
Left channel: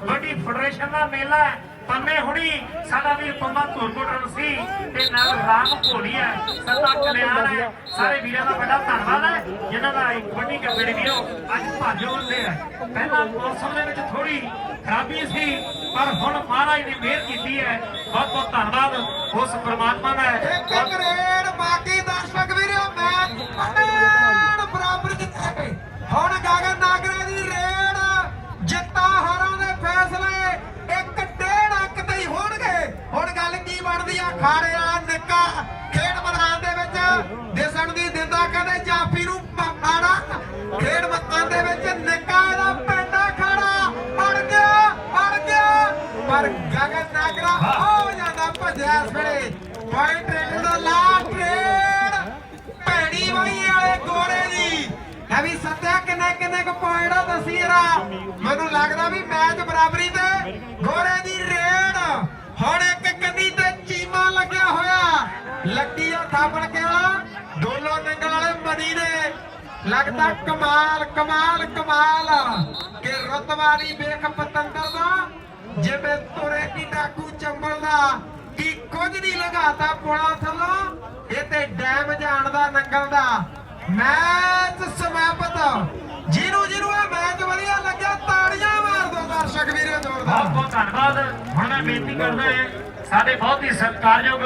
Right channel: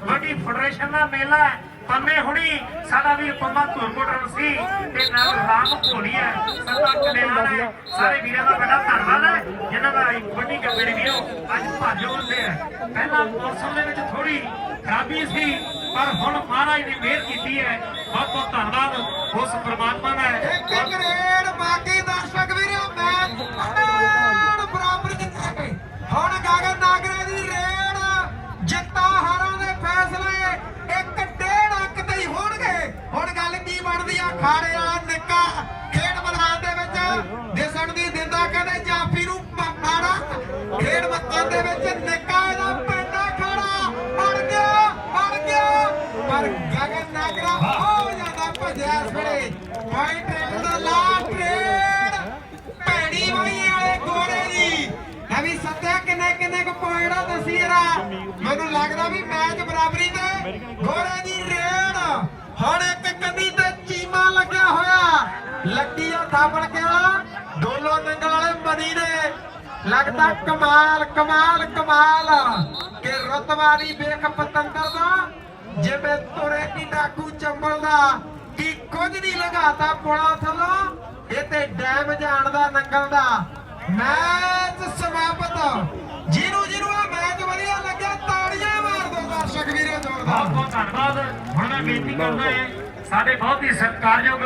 kabaddi federation ਦਾ ਮੇਲਾ ਹੈ। ਪੰਮੇ ਹੁਣੀ, ਸਾਡਾ ਵੀ ਪੰਮਾ ਧੁਰਕੋਟਰ ਸੀ ਤੇ ਨਾਲ ਰਾਮ ਭੋਲੀ ਹੈ। ਸਭਾ ਕਲਿਆਣ ਹੈ। ਸਾਰੇ ਵੀਰਾਂ ਦਾ ਬੜਾ ਧੰਨਵਾਦ ਹੈ। ਜਿਨ੍ਹਾਂ ਦਾ ਇਹ ਕਬੱਡੀ ਕੱਪੜੇ ਵੀਰੋ ਅੱਜ ਭਾਜੋ ਹੁੰਦੇ ਆ ਪਹਿਲਾਂ ਮੌਸਮ ਦੇ ਵਿੱਚ ਥੋੜੀ ਖਰਾਬੀ ਸੀ, ਪਰ ਹੁਣ ਮਹਾਰਾਜ ਨੇ ਮਿਹਰ ਕੀਤੀ ਹੈ। ਬਹੁਤ ਬਹੁਤ ਧੰਨਵਾਦ ਉਸ ਪ੍ਰਮਾਤਮਾ ਦਾ ਇੱਕ ਇੱਕ ਬਾਕੀ ਦਰਸ਼ਕ ਵੀਰੋ ਮੈਚ ਅੜਾੜ ਬਰਾਬਰ ਜਿੱਤੇ ਹੁਣ ਗਗਨ ਨਾਗਰੇ ਦੀ ਰੇਡ ਜਿੱਤਾਂ ਹਾਰਾਂ ਦੇ ਫੈਸਲੇ ਇੱਕ ਡੇਢ ਅੰਕ ਤੇ ਹੀ ਹੋਣਗੇ ਹੁਣ ਗੱਲ ਦੱਸਣ ਦੀ ਦਿੰਦਾ ਕਹਿੰਦੇ ਜਾਫੀ ਨੂੰ ਪਾੜਾ ਖੇਡ ਮੱਤਾਂ ਦੇ ਵਿੱਚ ਨਿੱਕਾ ਇਹਦਾ ਪੈਂਦਾ ਖੜਾ ਅੜ ਗਿਆ ਅੜ ਗਿਆ ਪਰ ਗਗਨ ਨਾਗਰਾ ਹੋ ਜਾਂਦਾ ਭੱਜਿਆ ਇਸ ਵੇਲੇ ਦਾ ਲਾਸਟ ਰੇਡ ਭੈੜੀ ਹੋਈ ਵਾਲੇ ਗੋਰੇ ਦੀ ਲੈ ਸੱਤਿਆ ਕਿੰਨੇ ਕਿੰਨੇ ਕੁ ਪੁਆਇੰਟ ਆ ਦੱਸੀ ਮੈਨੂੰ ਲੱਗਦਾ ਵੀ ਮੈਚ ਬਰਾਬਰੀ ਤੇ ਗੋਰੇ ਦੀ ਰੇਡ। ਹੁਣ ਇੱਕ ਕੰਨੀ ਤੇ ਚੀਮਾ ਲੱਗਿਆ ਹੋਇਆ। ਲੱਗੀ ਆ ਥਾਪੜ ਕੇ ਵਾਲਾ ਨੰਗਲ ਵਾਲੇ ਮਦੀ ਨੇ। ਲੱਗਦਾ ਕਮਾਲ ਕਮਾਲ ਕਮਾਲ ਕਿ ਰਤਵਾਰੀ ਵੇਖ ਪਤੰਦਰ ਦਾ। ਜਿਵੇਂ ਤੁਰੇ ਕੀ ਡਾਕੂ ਚੰਬਲ ਦਾ। ਕੀ ਕੁਝ ਨਹੀਂ ਲਗਾਤਾ ਪੁਲਾ ਥੱਲੋਂ। ਇਹ ਤੇ ਡੈਮ ਜਾਣ ਦਾ ਨੰਗਲ ਦਾ ਮੈਚ ਸਮਾਪਤ। ਜਿਹਨੂੰ ਜਿਹਨੂੰ ਇਹ ਮੈਚ ਵਧੀਆ ਲੱਗਿਆ। ਤਾੜੀਆਂ ਮਾਰ ਦਿਓ ਦਰਸ਼ਕ ਵੀਰੋ ਬਹੁਤ ਬਹੁਤ ਧੰਨਵਾਦ। ਹੁਣ ਮੈਂ ਬੇਨਤੀ ਕਰਦਾ ਸਾਡੇ ਬਹੁਤ ਹੀ ਸਤਿਕਾਰਯੋਗ